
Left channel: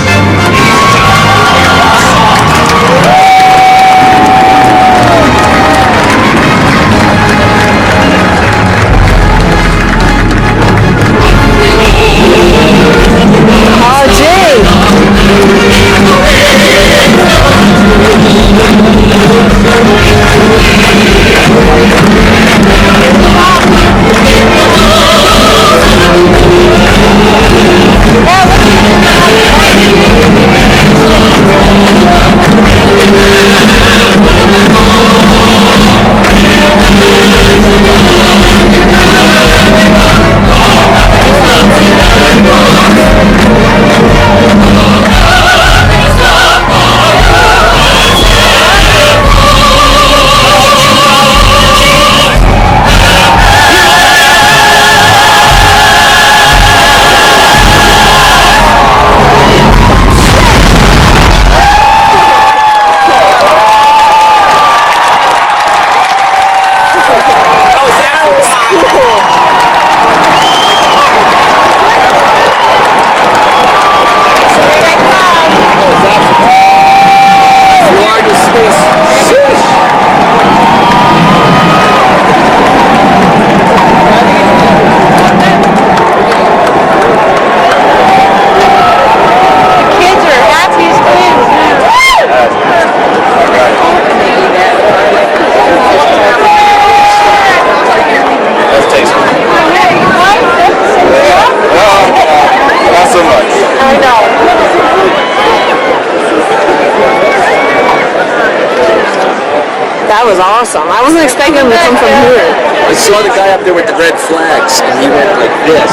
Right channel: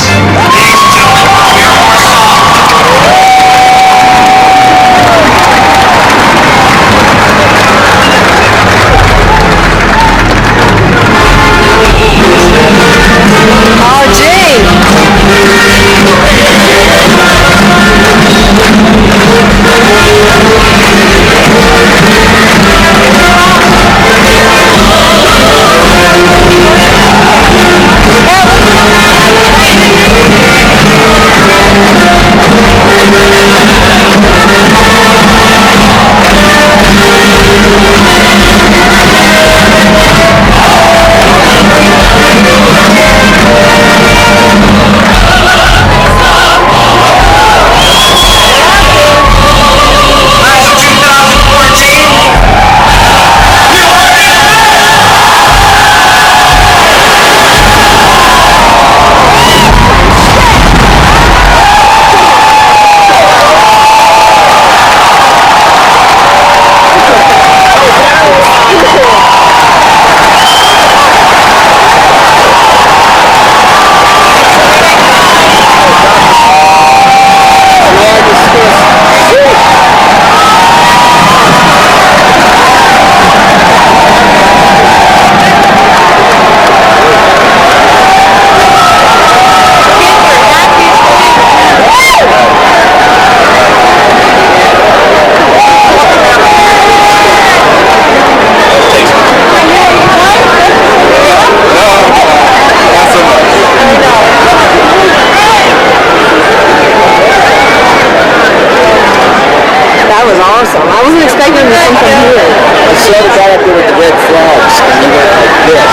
That was awesome. I wasn't expecting him to come from here. I saw the guy up there with the red flags, and he went like this.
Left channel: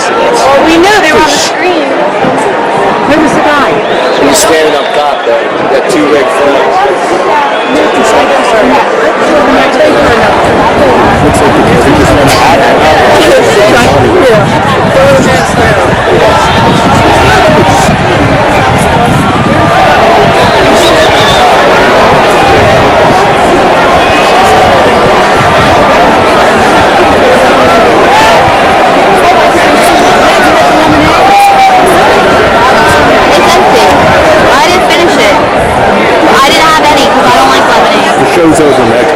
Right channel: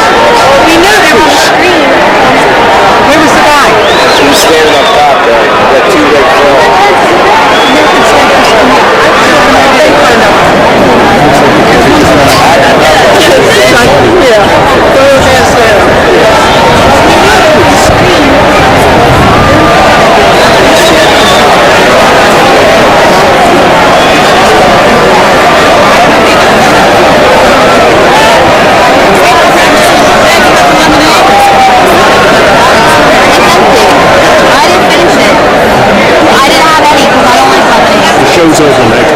Where was the guy? He was standing up top there. He got two red flags. I didn't finish it. I didn't have any because I don't like lemonade. The show's over, Nick.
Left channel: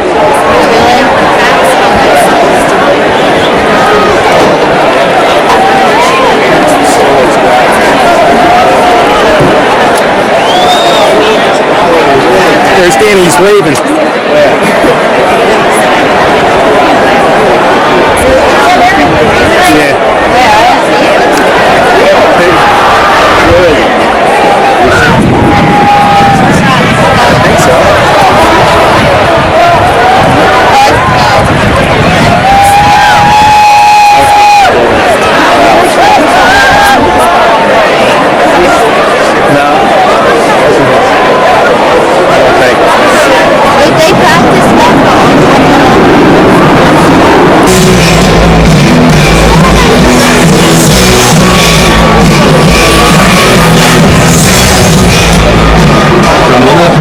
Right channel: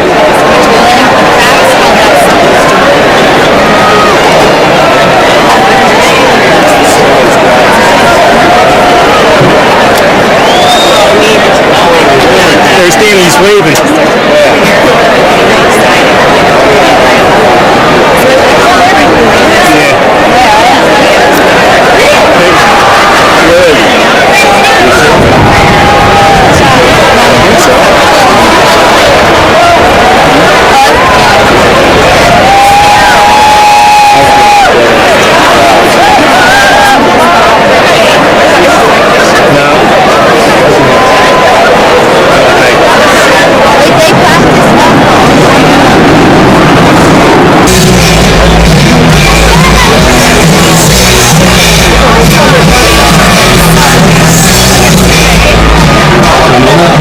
There's Danny's waving.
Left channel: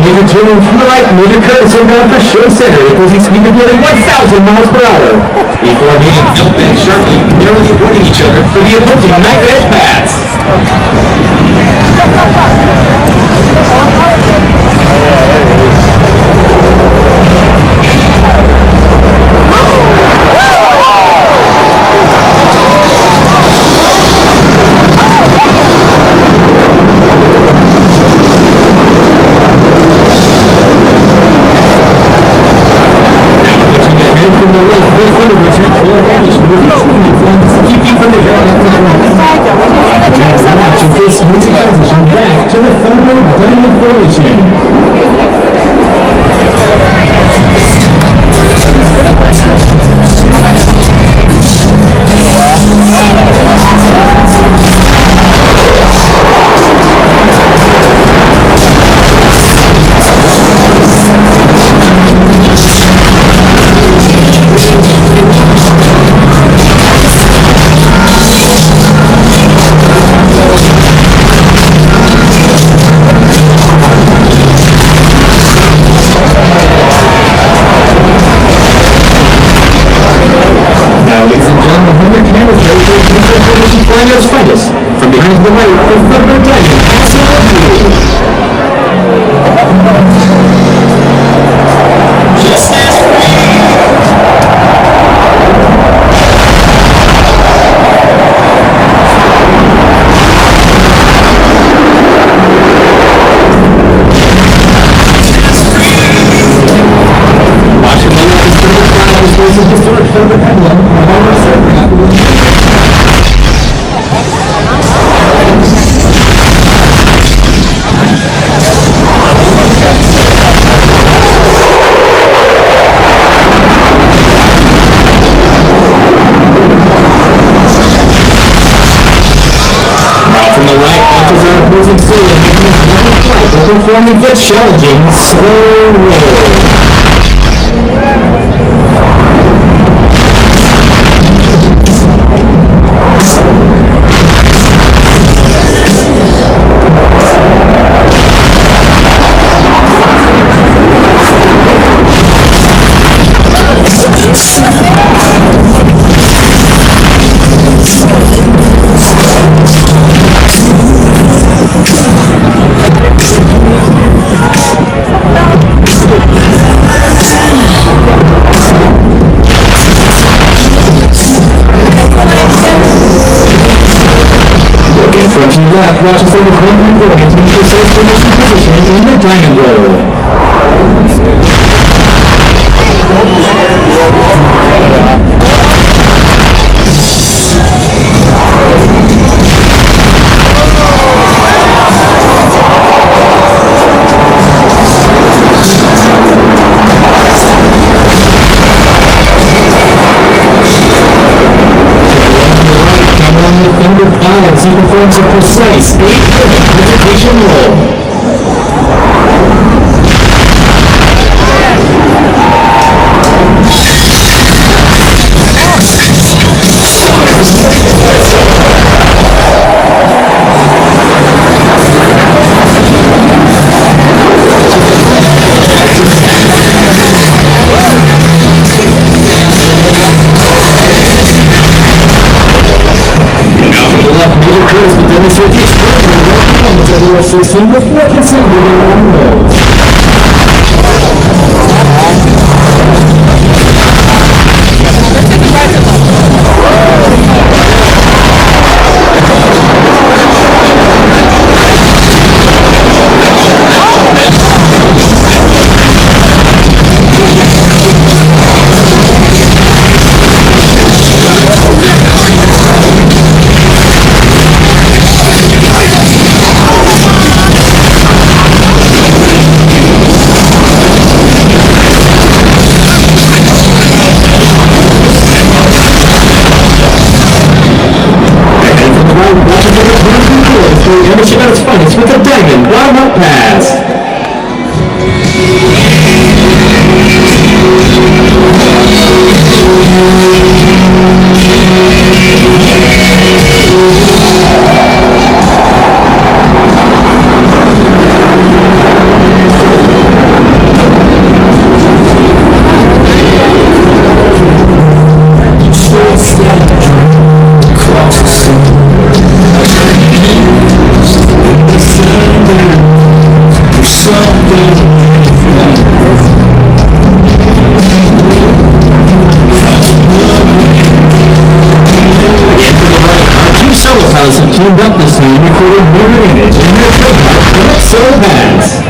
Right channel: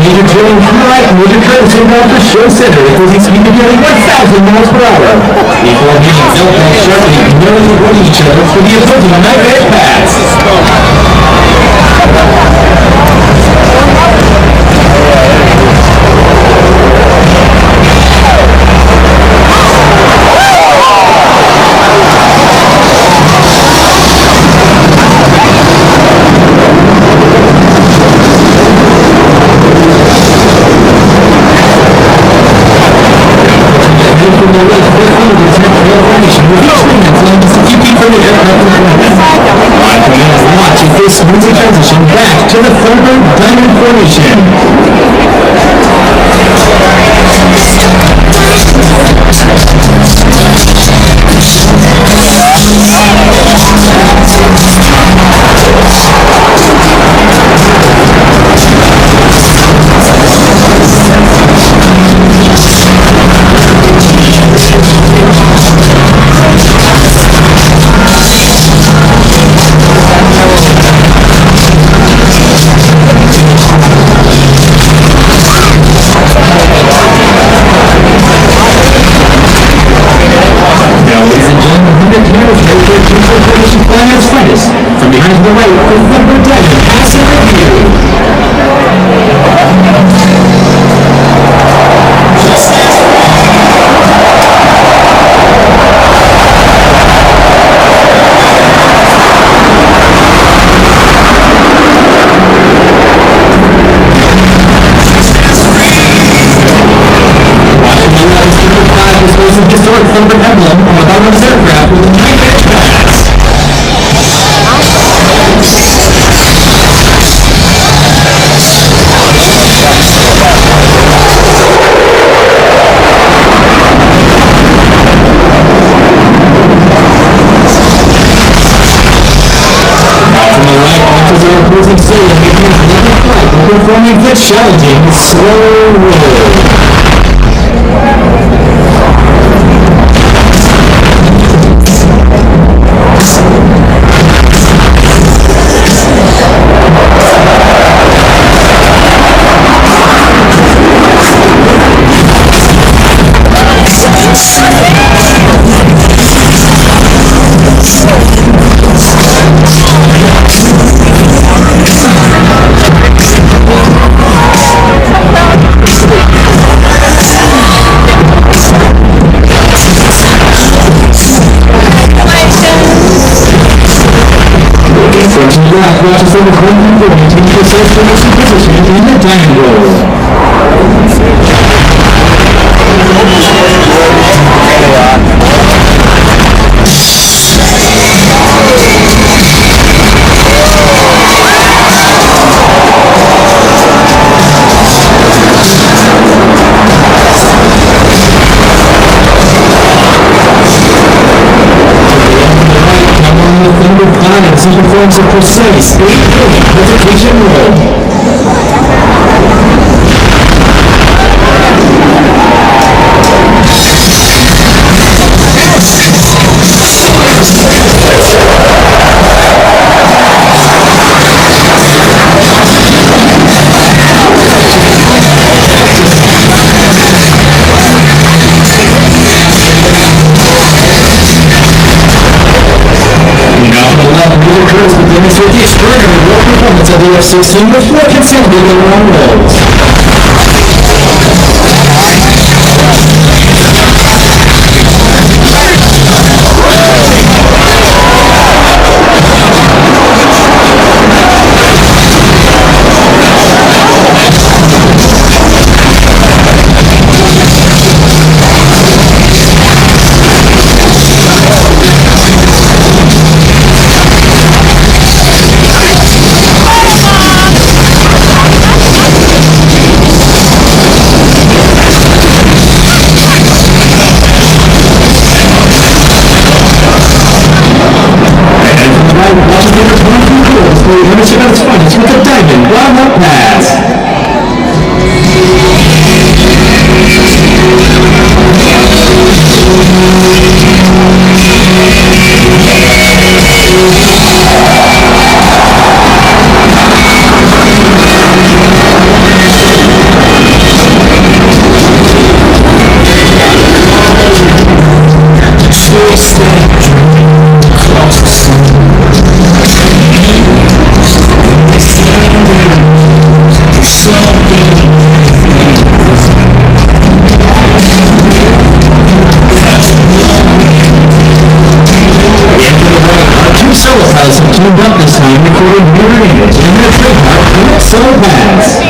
Major Jimmy Wright, Major Curtis inbound for Show Center. It goes speed of nearly 1,000 miles per hour. Before meeting Phil and Shirley, nearly avoiding each other for the approaching knife edge pass. From the left, this one of return trail formation with each wing that forms keeping from the aircraft to the right. Watch as they smoothly transition back to the Thunder Diamond formation. Flying at its finest. From behind to the right, the Thunder Diamond passing on you. Just as watching the left is 35 displays of historic Thunder emblem on the bottom of the aircraft with opposing sail making his level flight while performing the challenging slow roll. Left, watch as they was 1-3-4 into the safe formation position in the diamond roll. The Thunder Pilots, he performs a precise 8-point presentation roll. Major Curtis will demonstrate the extraordinary roll performance of the F-16 before consolidating long rolls. cleaned up this time, recording mirror image and their trademark So Pass.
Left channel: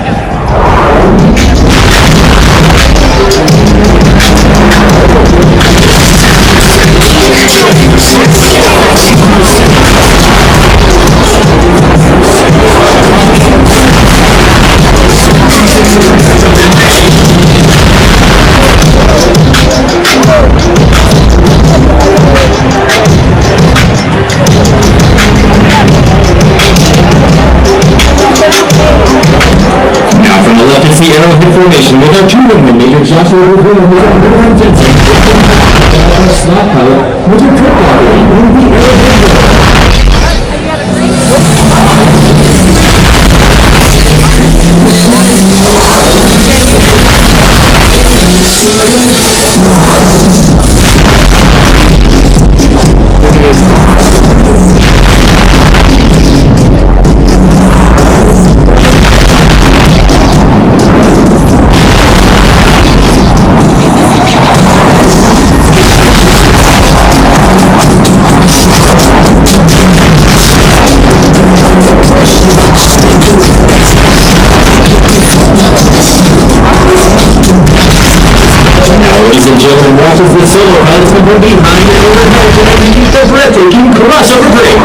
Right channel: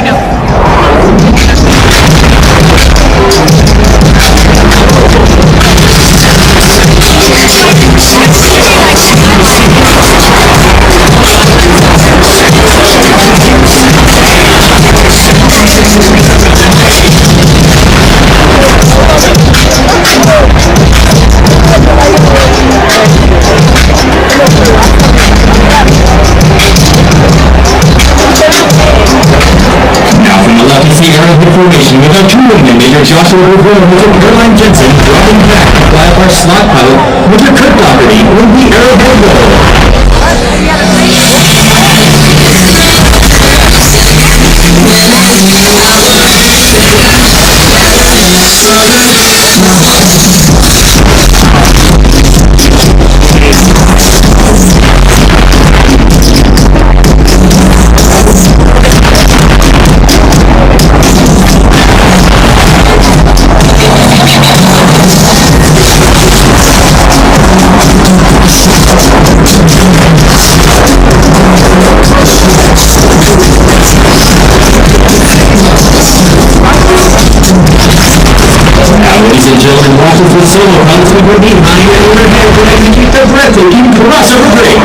Now from the left is the Arrowhead formation with our two wingmen, Major Joshua Rivera and Major Caroline Jensen. Got our slot pilot, Major Kurt Doherty, with the Arrowhead River. Ladies and gentlemen, watch as the solo pilots will go behind and overhead to execute the breathtaking crossover break.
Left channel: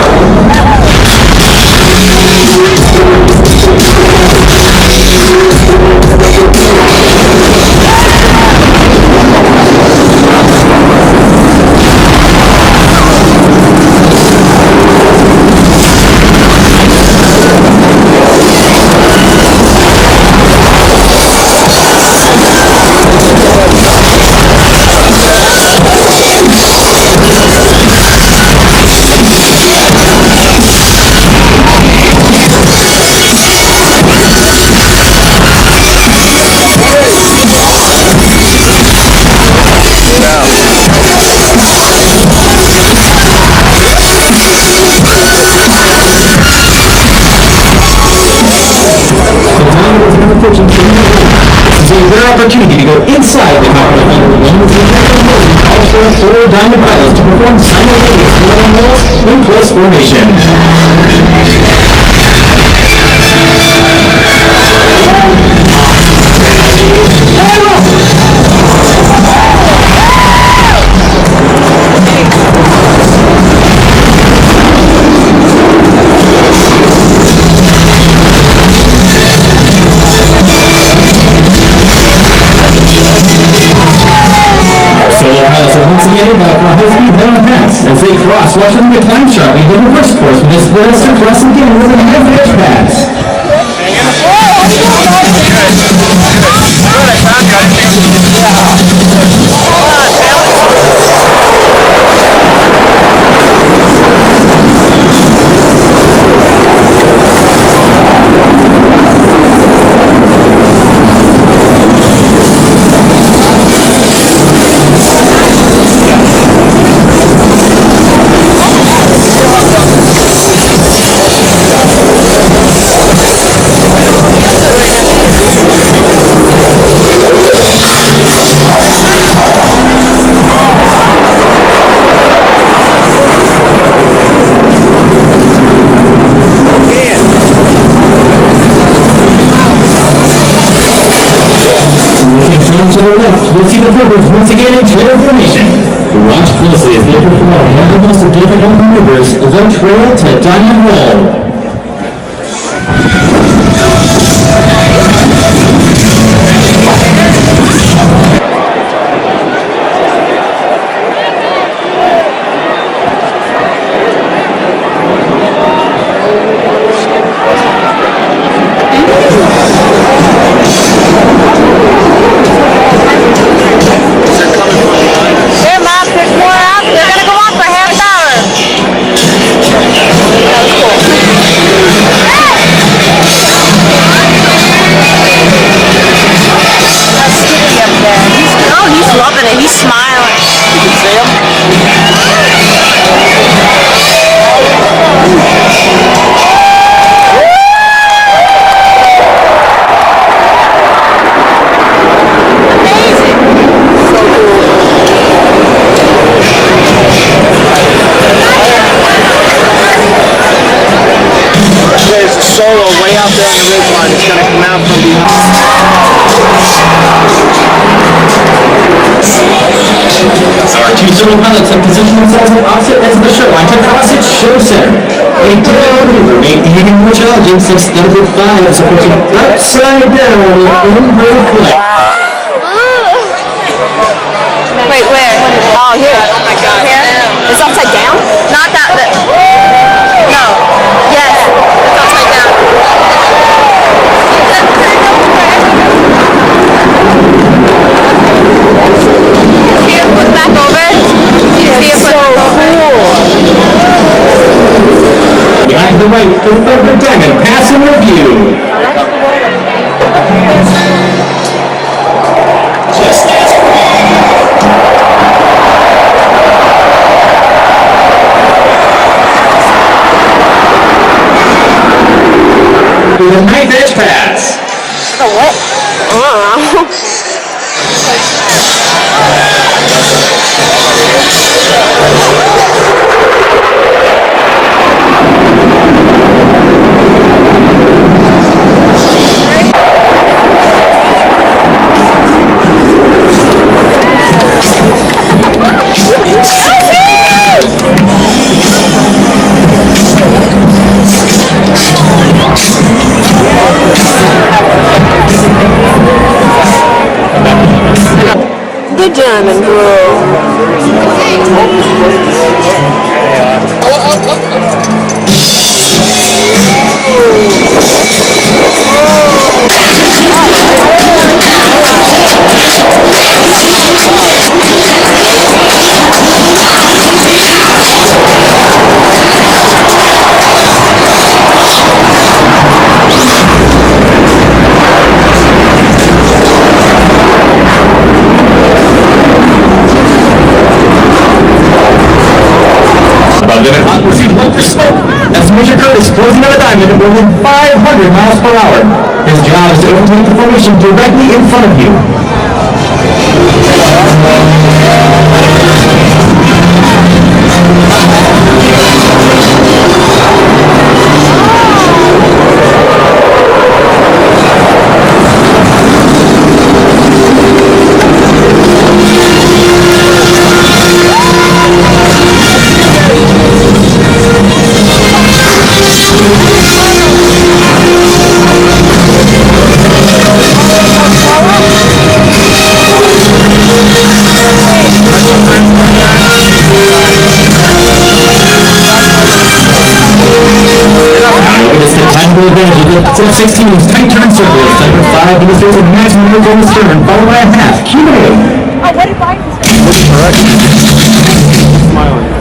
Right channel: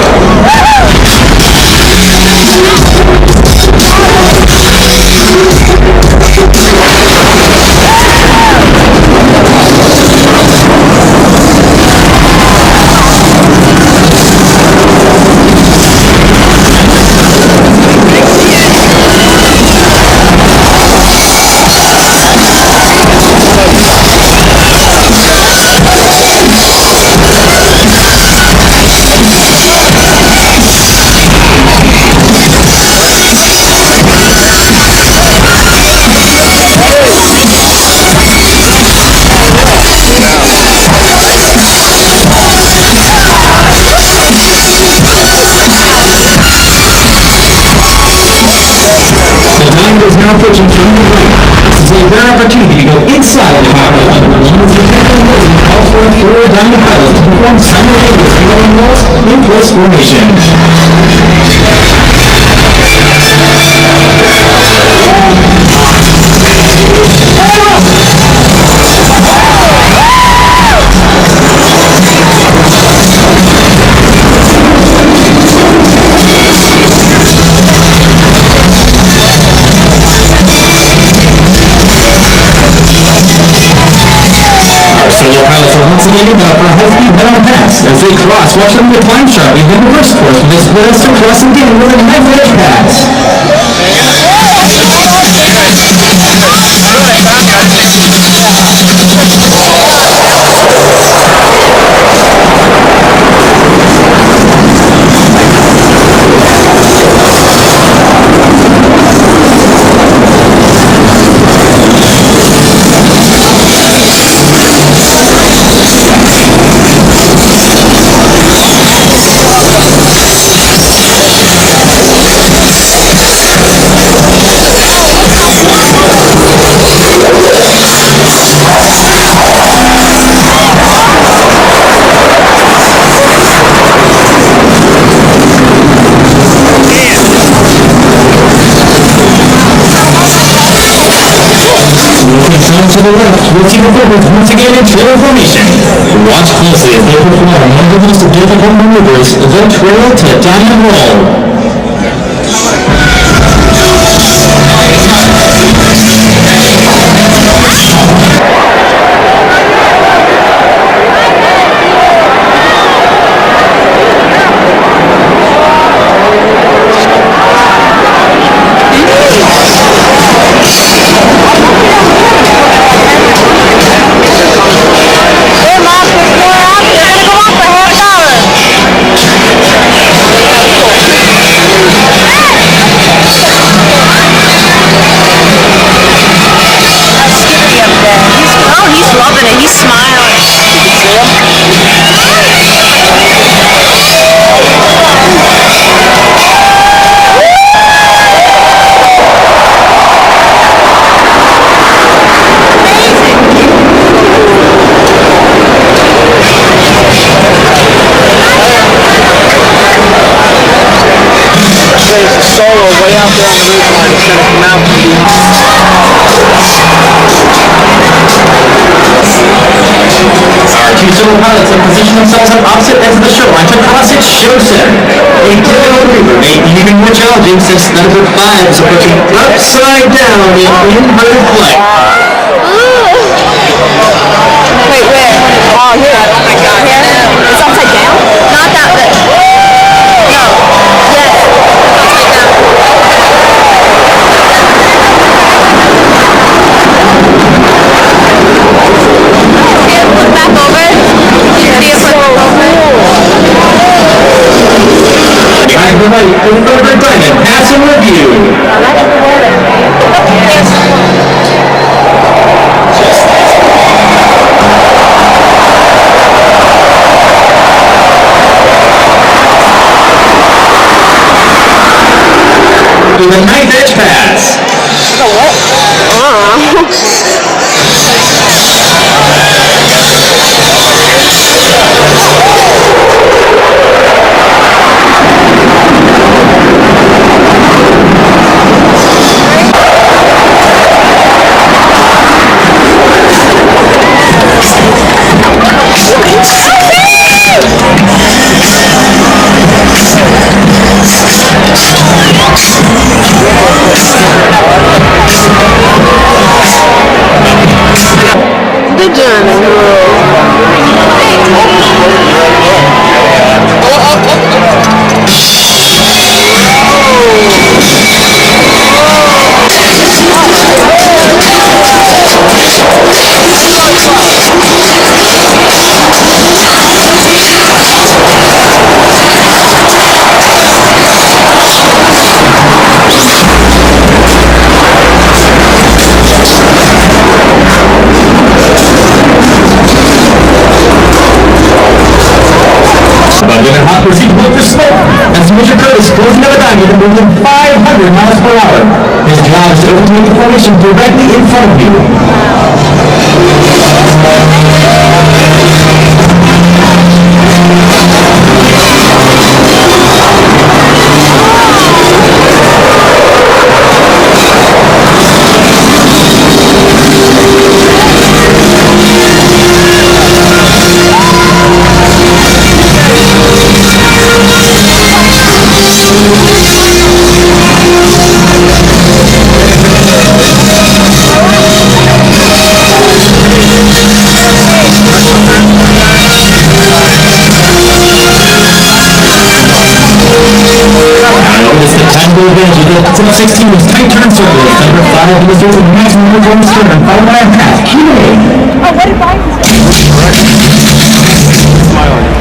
Is now approaching from the right. This is a rare opportunity to go inside the power of one as the technical movement calls for a 4 diamond pilots to perform simultaneous rolling walls in close formation. As they cross, watch them to climb sharply, go reverse course with this blast and cross again with a knife-edge pass. Good, I found you. I didn't once again in trail formation. Watch closely as they perform one of the most difficult maneuvers of their trail to diamond roll. solo way out there on the ridge line. It's going to come out from behind. Our two solo pilots have positioned themselves on opposite ends of the show into Classic Show Center. A difficult maneuver made even more challenging since number 5 is approaching upside down in inverted flight. Oh, here. It's upside down? That's so cool. Behind the right, the Favorite Diamond, pass and review. The new ditch pass. The German girl. Limit hot pursuit look for smoke as Major Curtis closing on a diamond at more than 500 miles per hour. His job is to overtake the formation directly in front of you. Advantage of the 16's tight turn circle. Number 5 demonstrates a maximum performance turn, followed by a half Q&A. Oh, what did Biden say? Smiling.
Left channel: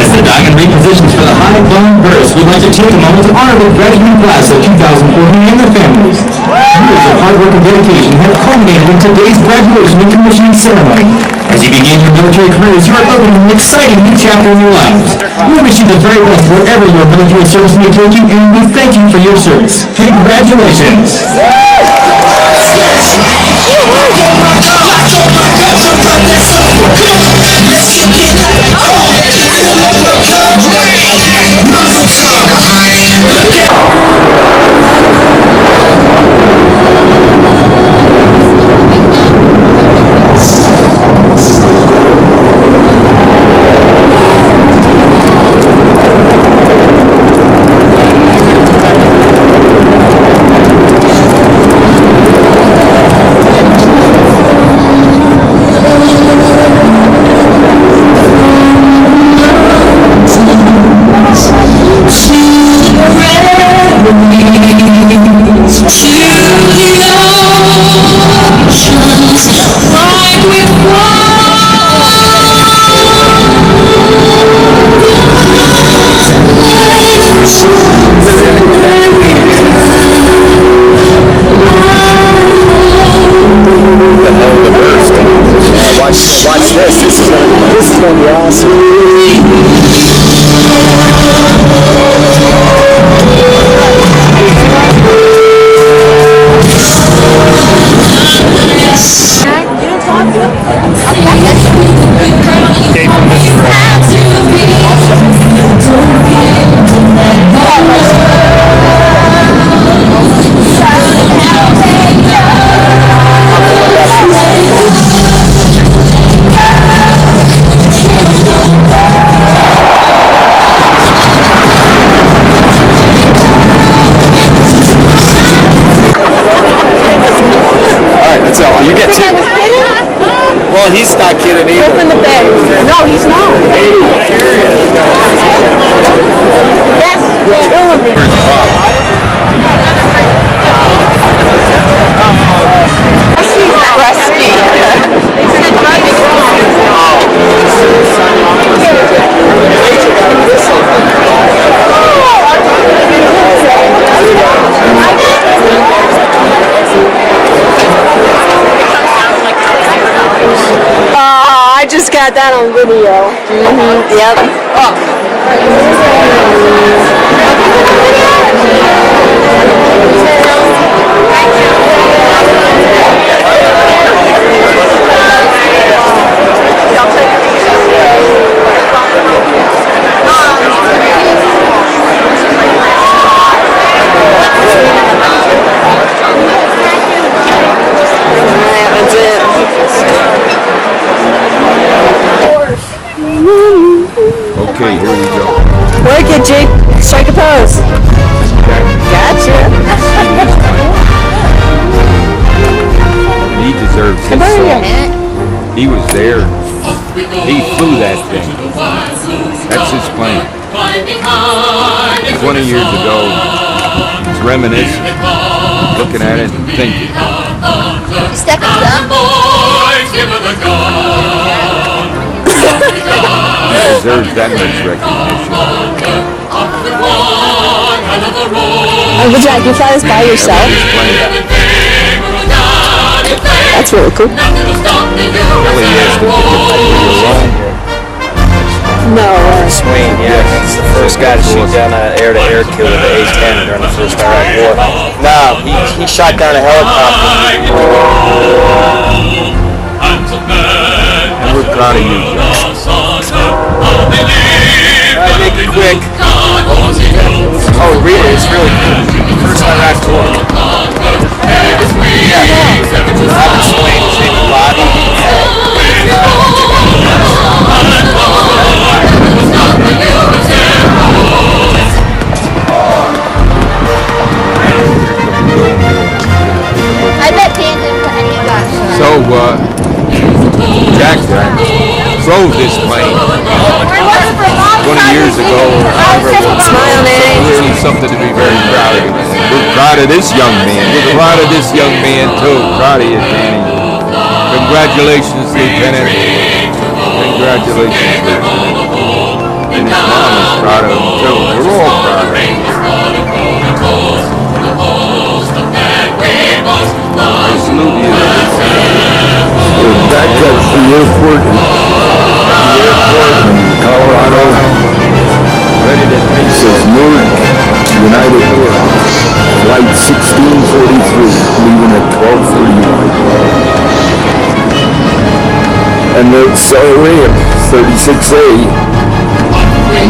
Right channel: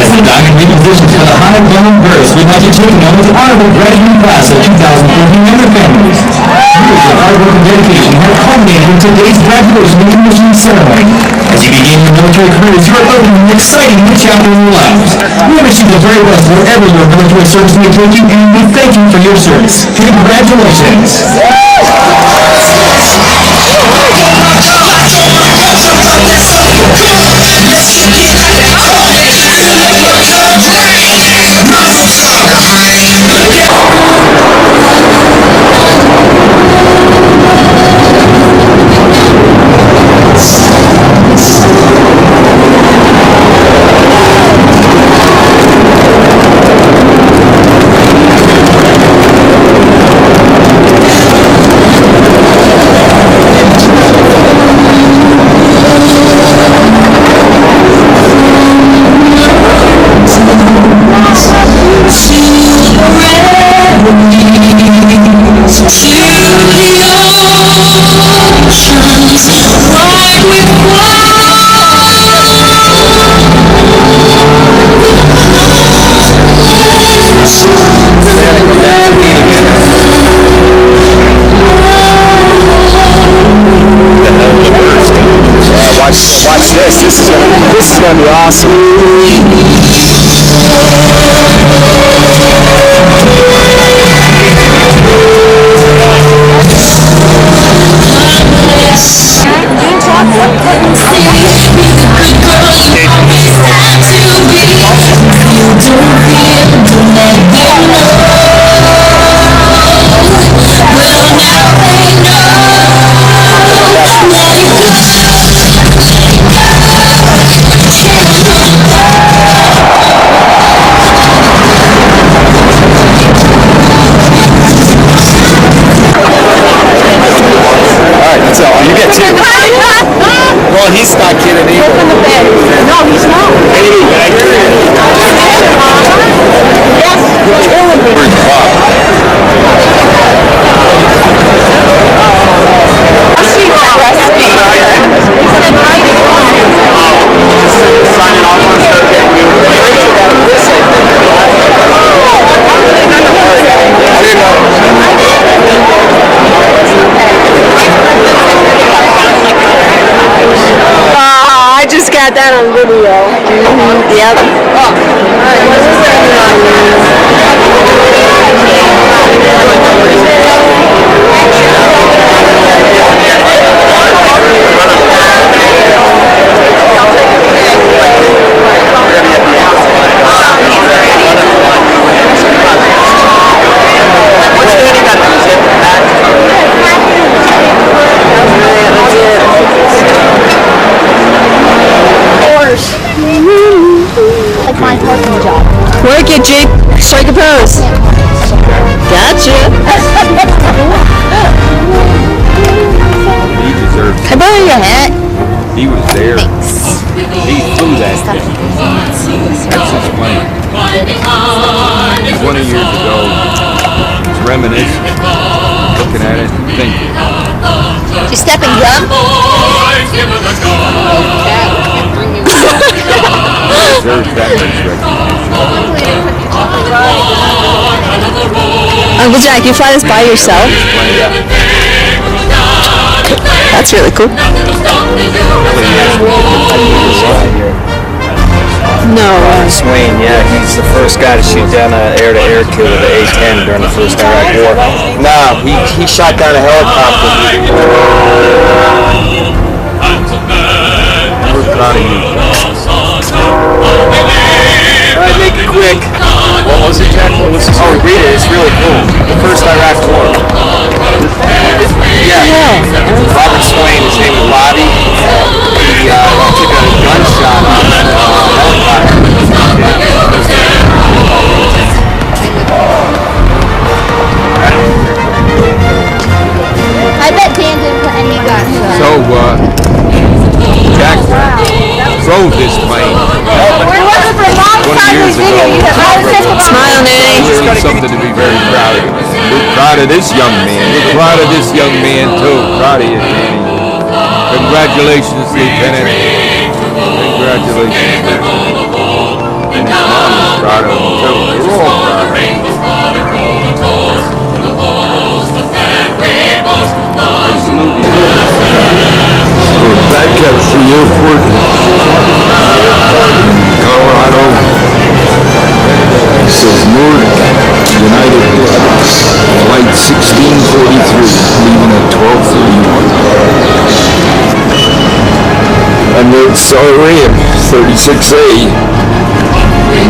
As the diamond repositions for the high-blown burst, we'd like to take a moment to honor the graduating class of 2014 and their families. Years of hard work and dedication have culminated in today's graduation and commissioning ceremony. As you begin your military careers, you are opening an exciting new chapter in your lives. We wish you the very best wherever your military service may take you, and we thank you for your service. Congratulations! This is gonna be awesome. So you get two. Well, he's not kidding either. Open the bed. No, he's not. Yes, you're killing me. I just got that on video. Yep. That's it. Okay, here we go. Work it, Jake. Strike a pose. Gotcha. He deserves this. He was there. He flew that thing. That's his plane. 20 years ago, he's reminiscing, looking at it and thinking. You stepping up? He deserves that much recognition. Uncle Jack, you fly this by yourself? That's really cool. No. Swain, yeah, he's the first guy to shoot down an air-to-air kill with the A-10 during the first Iraq War. No, he shot down a helicopter. We're proud of you. Alright, make it quick. Oh, read it, it's really cool. The first Iraq War. Yeah. Robert Swain, his name is Bobby. He took a gunshot on the I bet Dan didn't put any guns. So, Jack drove this plane 20 years ago. Clearly something to be very proud of. We're proud of this young man. We're proud of this young man, too. Proud of you, Danny. Congratulations, Lieutenant. Congratulations, Lieutenant. And his mom is proud of him, too. We're all proud of him. I salute you. Back at the airport. Colorado. Ready to exit North United Airlines. Flight 1643, leaving at 12:30. It's already 36A.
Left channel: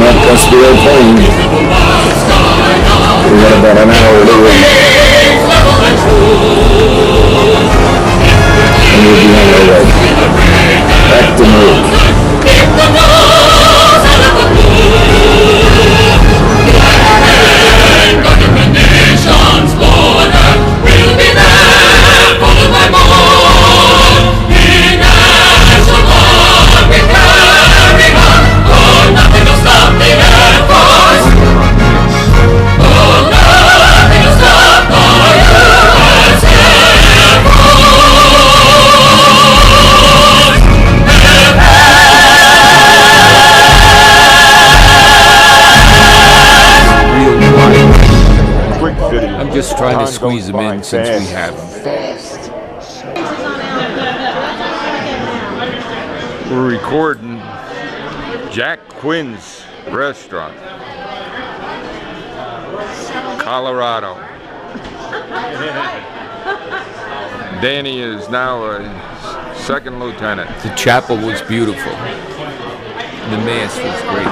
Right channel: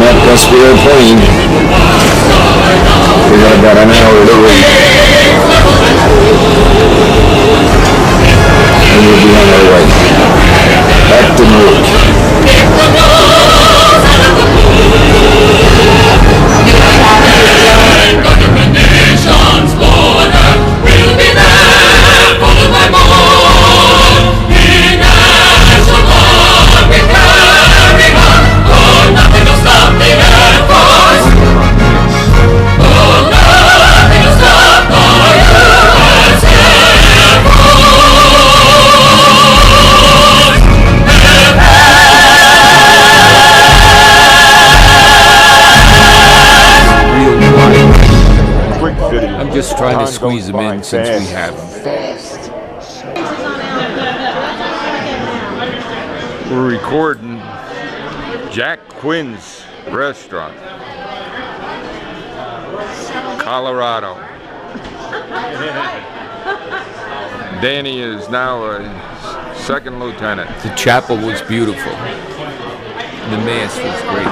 Not just the airplane. We got about an hour to wait. And we'll be on our way. Back to North. I'm just trying to squeeze them in since we have them. We're recording Jack Quinn's restaurant, Colorado. Danny is now a second lieutenant. The chapel was beautiful. The mass was great.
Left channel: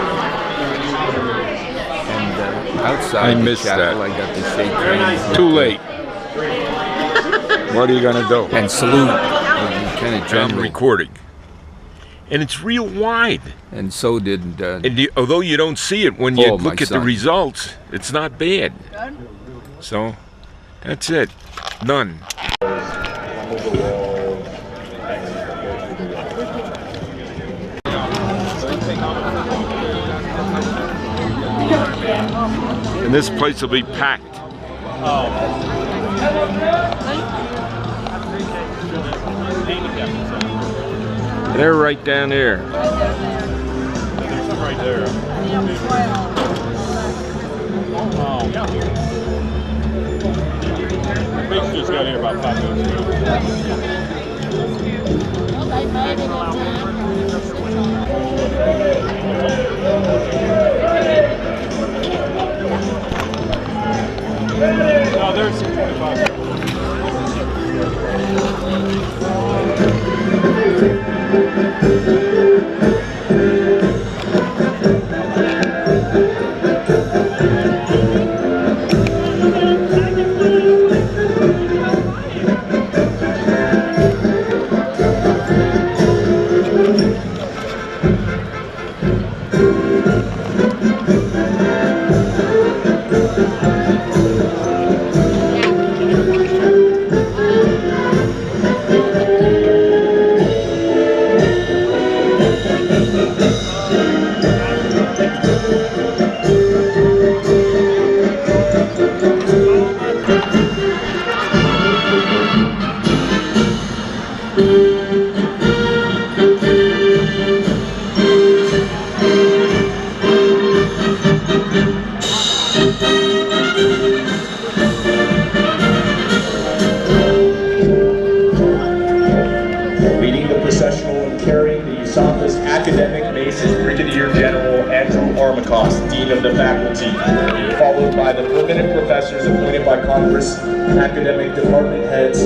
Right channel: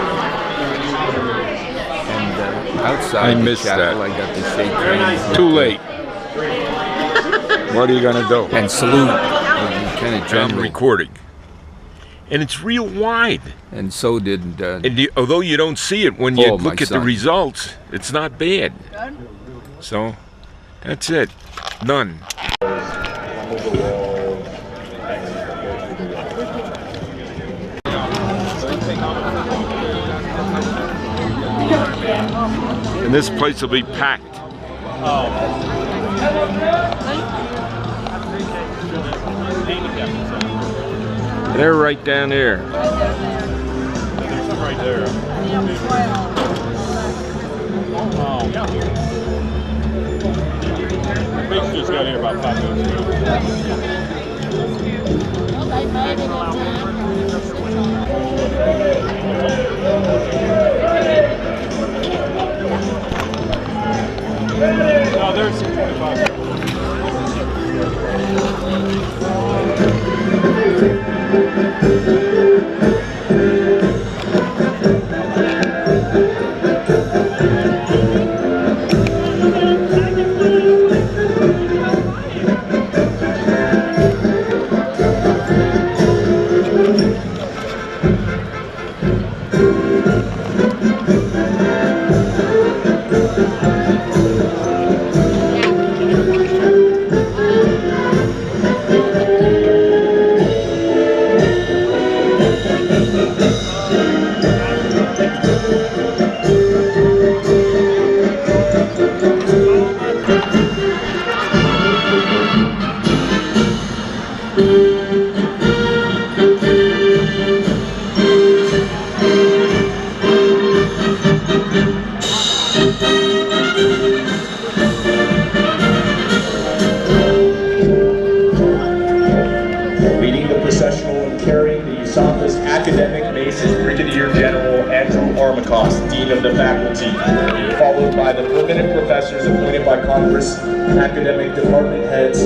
Outside I missed the chapel, that. I got to shake hands. Too late. What are you gonna do? And salute. Kind of I'm recording. And it's real wide. And so did. Although you don't see it when you look at the results, it's not bad. So, that's it. Done. And this place will be packed. They're right down there. There's some right there. We just got here about 5 minutes ago. No, there's 25. Leading the processional and carrying the USAF's academic mace is Brigadier General Andrew Armacost, Dean of the Faculty, followed by the permanent professors appointed by Congress, academic department heads,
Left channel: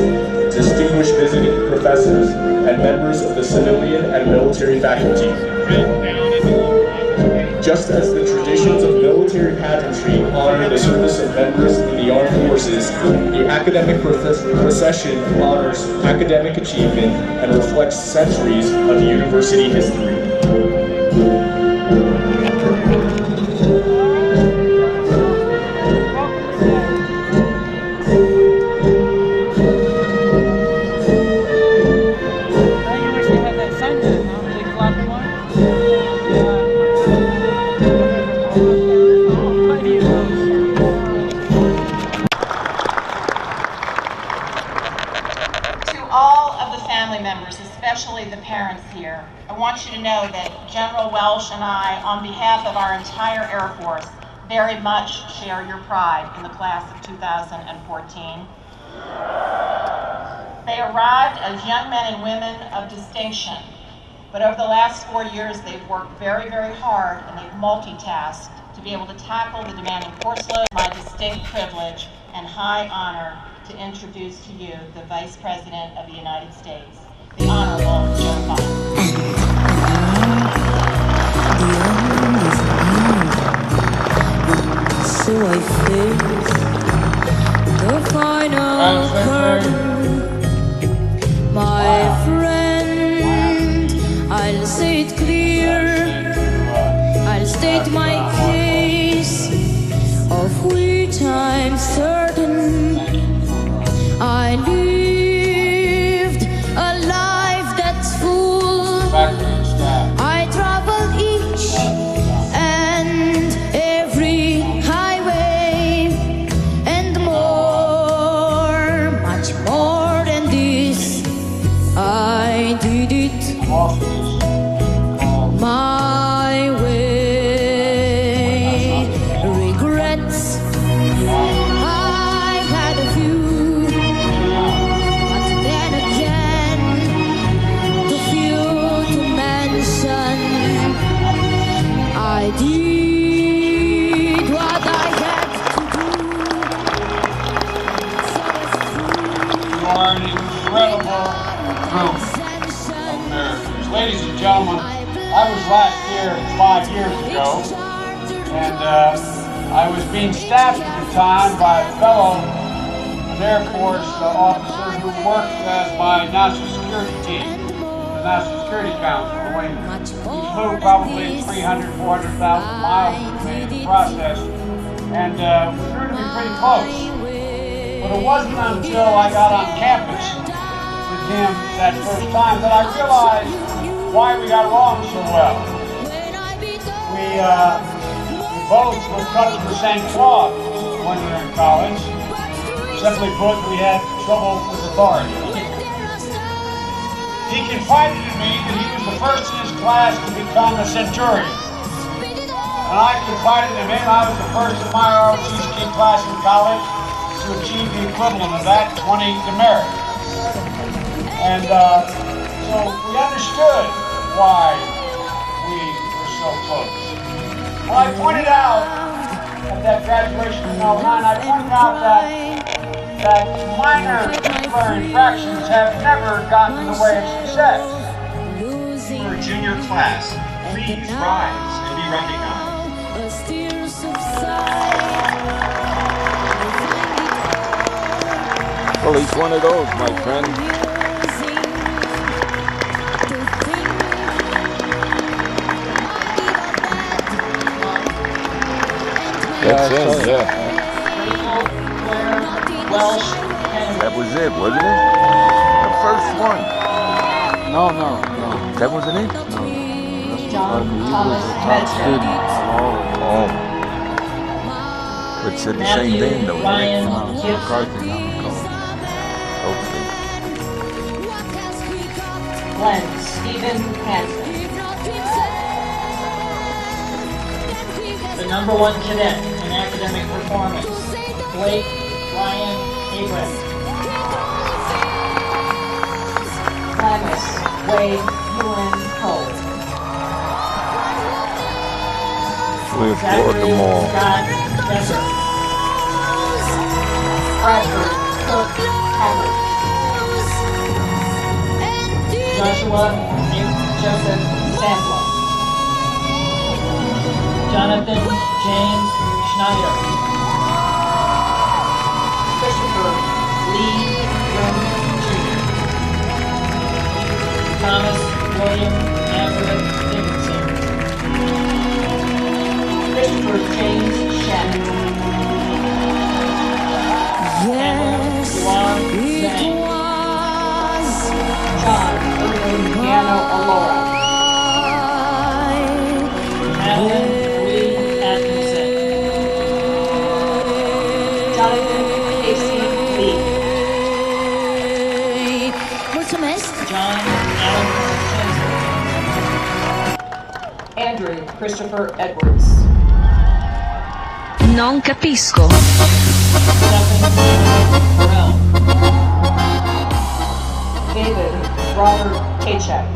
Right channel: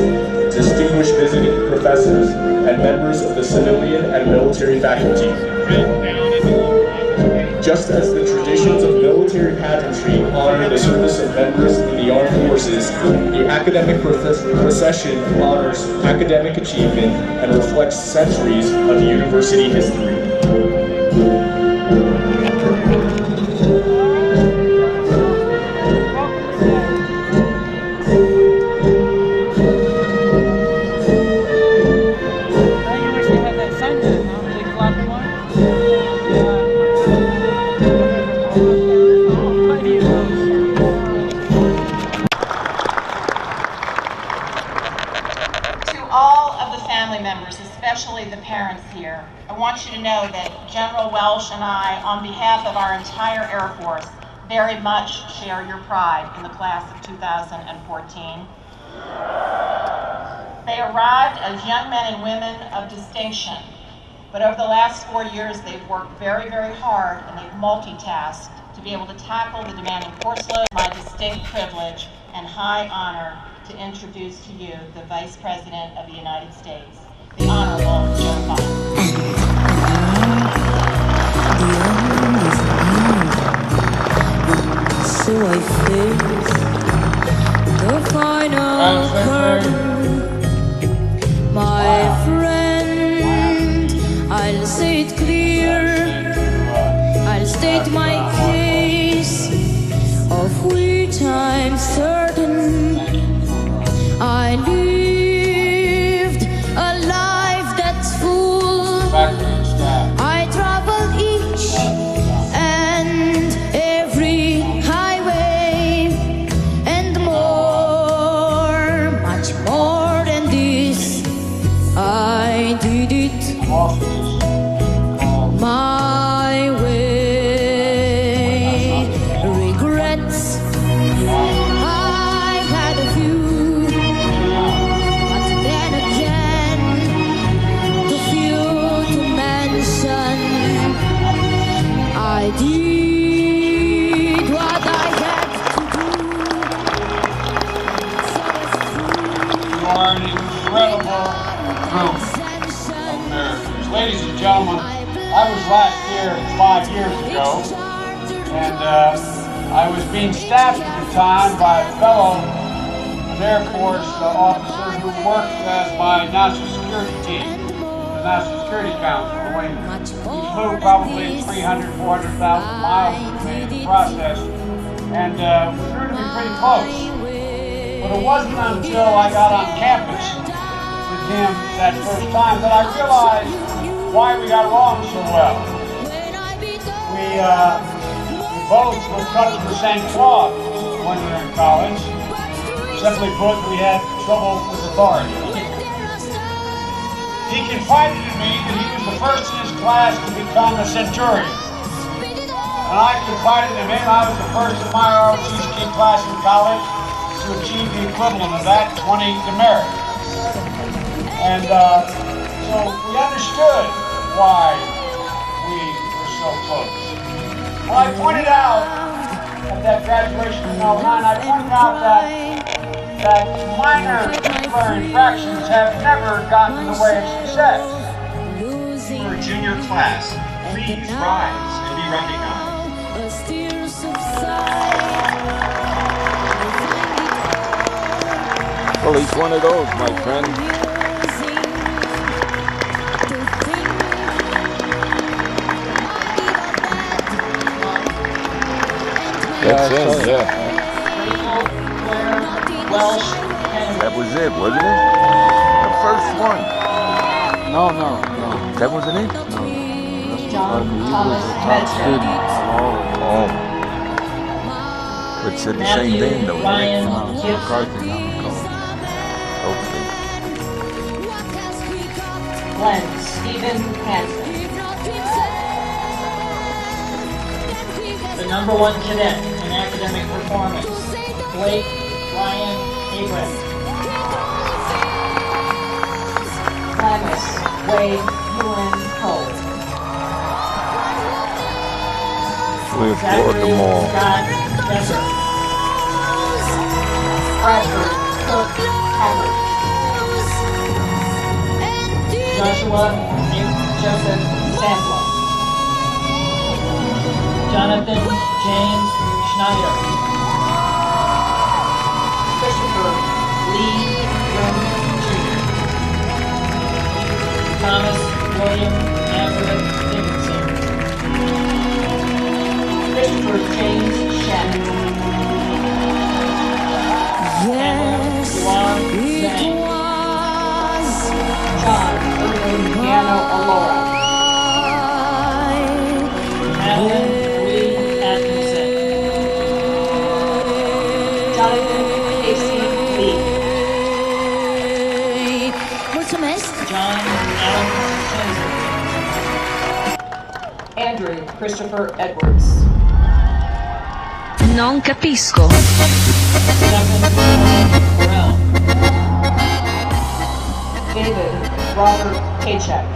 distinguished visiting professors, and members of the civilian and military faculty. Just as the traditions of military pageantry honor the service of members in the armed forces, the academic procession honors academic achievement and reflects centuries of university history. Especially the parents here, I want you to know that General Welsh and I, on behalf of our entire Air Force, very much share your pride in the class of 2014. They arrived as young men and women of distinction, but over the last 4 years they've worked very, very hard and they've multitasked to be able to tackle the demanding course load. My distinct privilege and high honor to introduce to you the Vice President of the United States, the Honorable Joe Biden. it clear, I'll state my case, of which I'm certain. I lived a life that's full. I traveled each and every highway and more, much more than this. I did it my way. Regrets, I've had a few, but then again, too few to mention. I did what I had to do. You are an incredible group of Americans. Ladies and gentlemen, I was last here 5 years ago, and I was being staffed at the time by a fellow Air Force officer who worked as my national security team, the National Security Council. He flew probably 300,000, 400,000 miles with me in the process, and we grew to be pretty close. But it wasn't until I got on campus with him that first time that I realized why we got along so well. We both were cut from the same cloth when we were in college. Simply put, we had trouble with authority. He confided in me that he was the first in his class to become a centurion. And I confided in him I was the first in my ROTC class in college to achieve the equivalent of that, 20 demerit. And so we understood why we were so close. Well, I pointed out at that graduation in 09, I pointed out that minor disciplinary infractions have never gotten in the way of success. For a junior class, please rise and be recognized. Well, he's one of those, my friend. That's him, yeah. That was it, wasn't it? The first one. No. That wasn't it? No. He was a top student. Oh. But said the same thing, though. Ryan, McCarthy, not McCall. Okay. Glenn Stephen Hansen. The number one cadet in academic performance, Blake Ryan Abrams. Glamis Wade Ewan Cole. We applaud them all. Scott Besser. Bradford Cook Hammond. Joshua Joseph Sandler. Jonathan James Schneider. Christopher Lee Grim Jr. Thomas William Everett Dickinson. Christopher James Shannon. Yes, it was John Irving Piano Alora. Madeline Lee Atkinson. Jonathan Casey Lee. John Allen Jensen. Andrew Christopher Edwards. Non capisco. Stephen Burrell. David Robert Paycheck.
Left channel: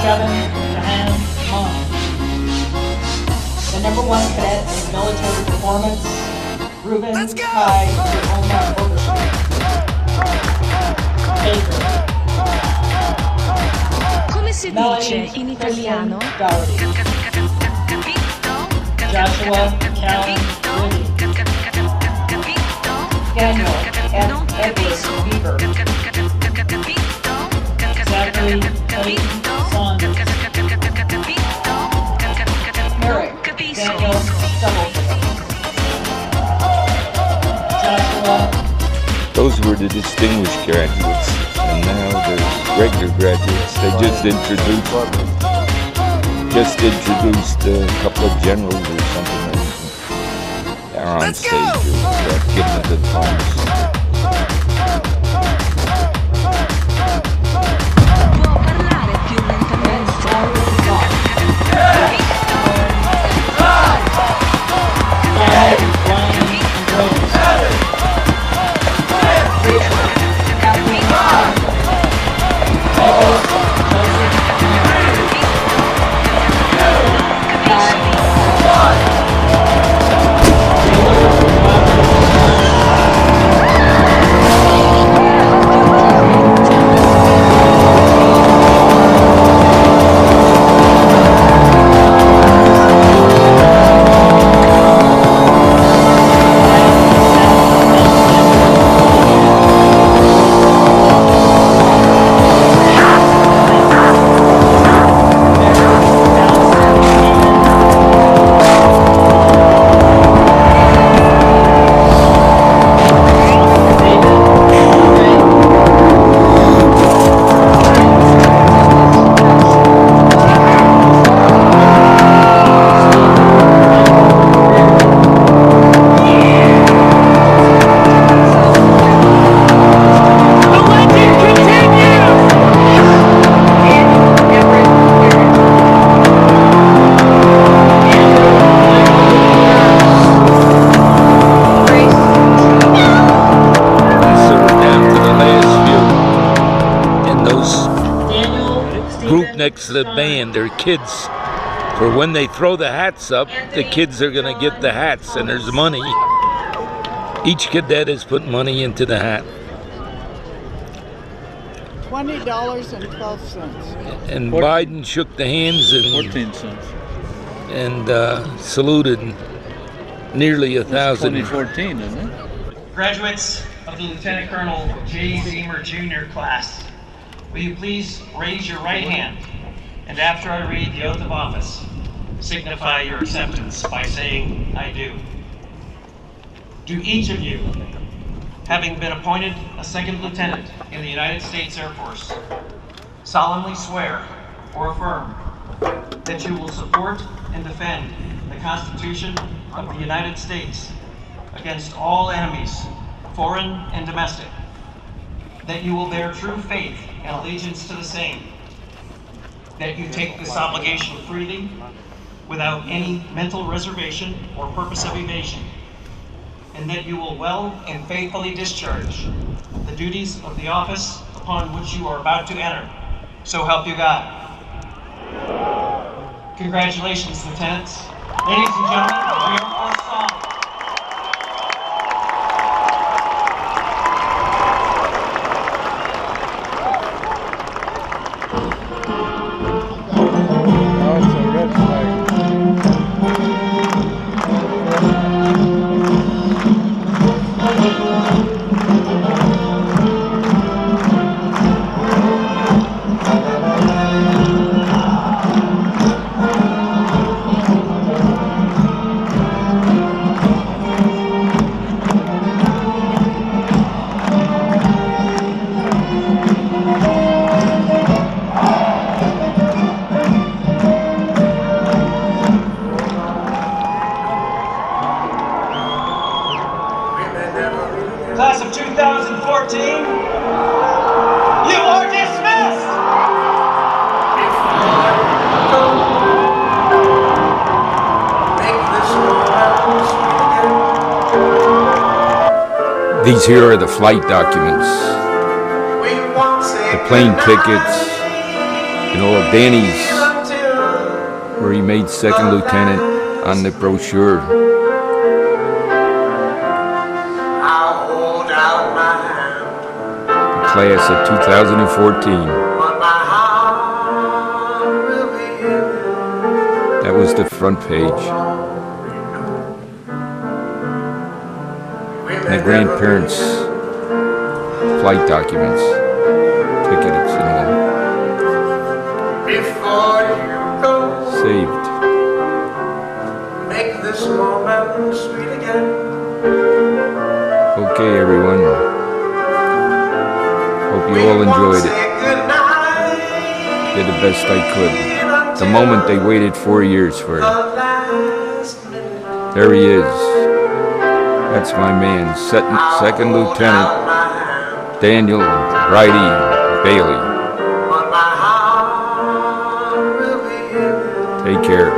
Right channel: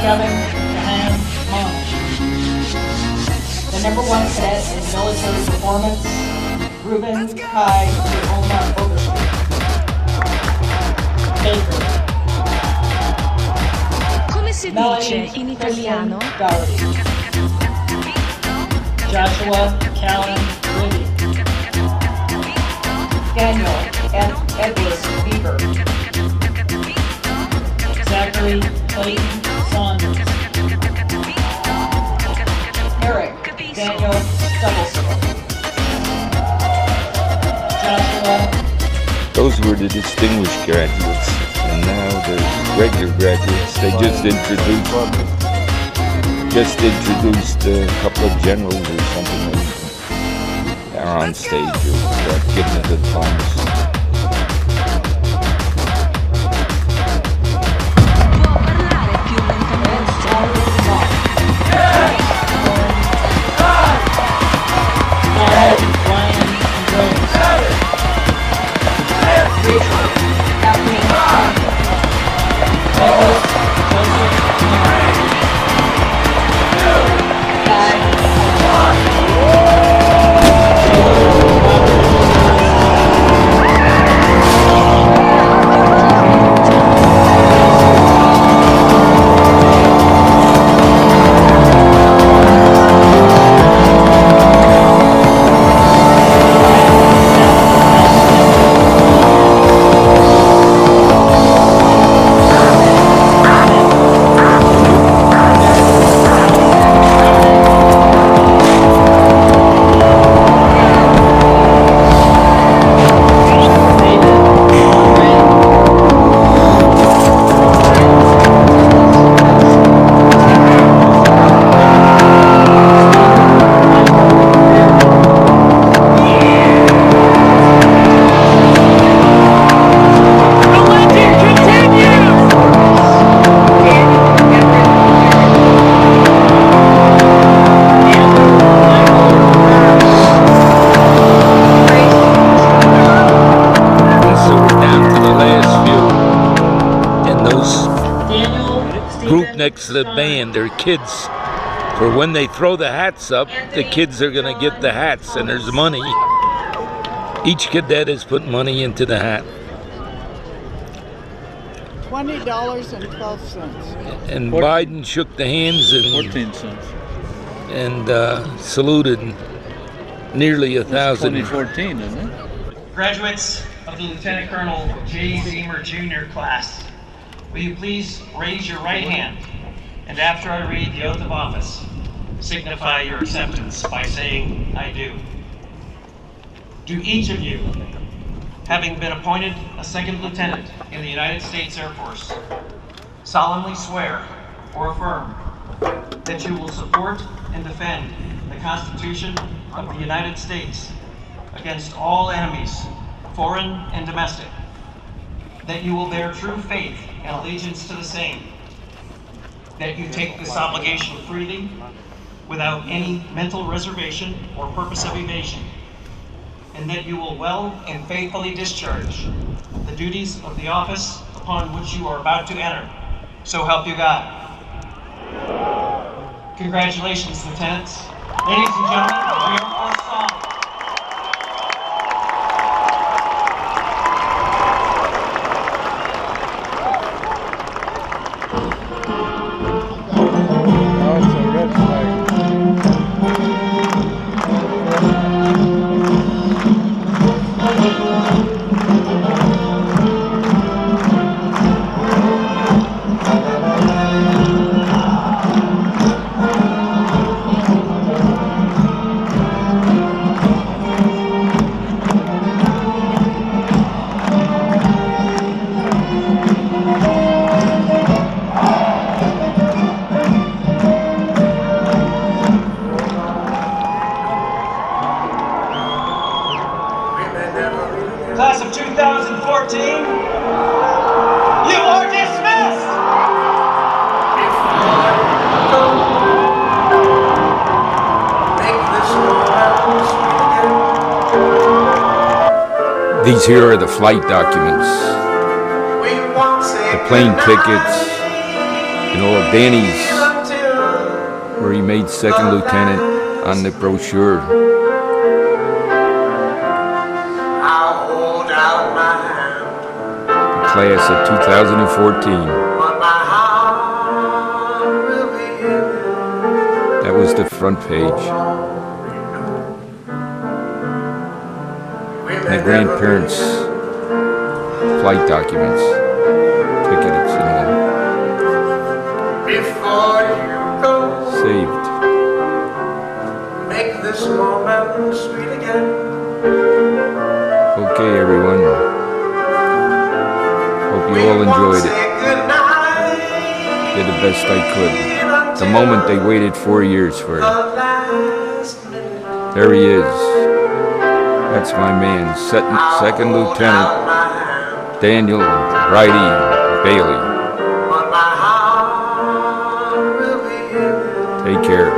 Kevin Johan Monk. The number one cadet in military performance, Ruben Kai Oma Overstreet. Baker. Come si dice Melanie in italiano? Dougherty. Joshua Callan Liddy. Daniel and Edward Bieber. Zachary Clayton Saunders. Eric Daniel Stubblefield. Joshua. Those were the distinguished graduates, and now the regular graduates. They just introduced a couple of generals or something that are on stage or giving the diplomas. Next to the band, they're kids. For when they throw the hats up, the kids are going to get the hats, and there's money. Each cadet has put money into the hat. $20.12. And Biden shook the hands and 14 cents. And saluted nearly 1,000. 2014, isn't it? Graduates of the Lieutenant Colonel J. Zemer Jr. class, will you please raise your right hand, and after I read the oath of office, signify your acceptance by saying, "I do." Do each of you, having been appointed a second lieutenant in the United States Air Force, solemnly swear or affirm that you will support and defend the Constitution of the United States against all enemies, foreign and domestic, that you will bear true faith and allegiance to the same, that you take this obligation freely, without any mental reservation or purpose of evasion, and that you will well and faithfully discharge the duties of the office upon which you are about to enter. So help you God. Congratulations, lieutenants. Ladies and gentlemen, the Air Force song. Class of 2014, you are dismissed! These here are the flight documents, the plane tickets, and all of Danny's, where he made second lieutenant on the brochure. Class of 2014. That was the front page. And the grandparents' flight documents, tickets and all. Saved. Make this moment sweet again. Okay, everyone. Hope you all enjoyed it. Did the best I could. The moment they waited 4 years for. There he is. That's my man, Second Lieutenant Daniel Righty Bailey. Take care.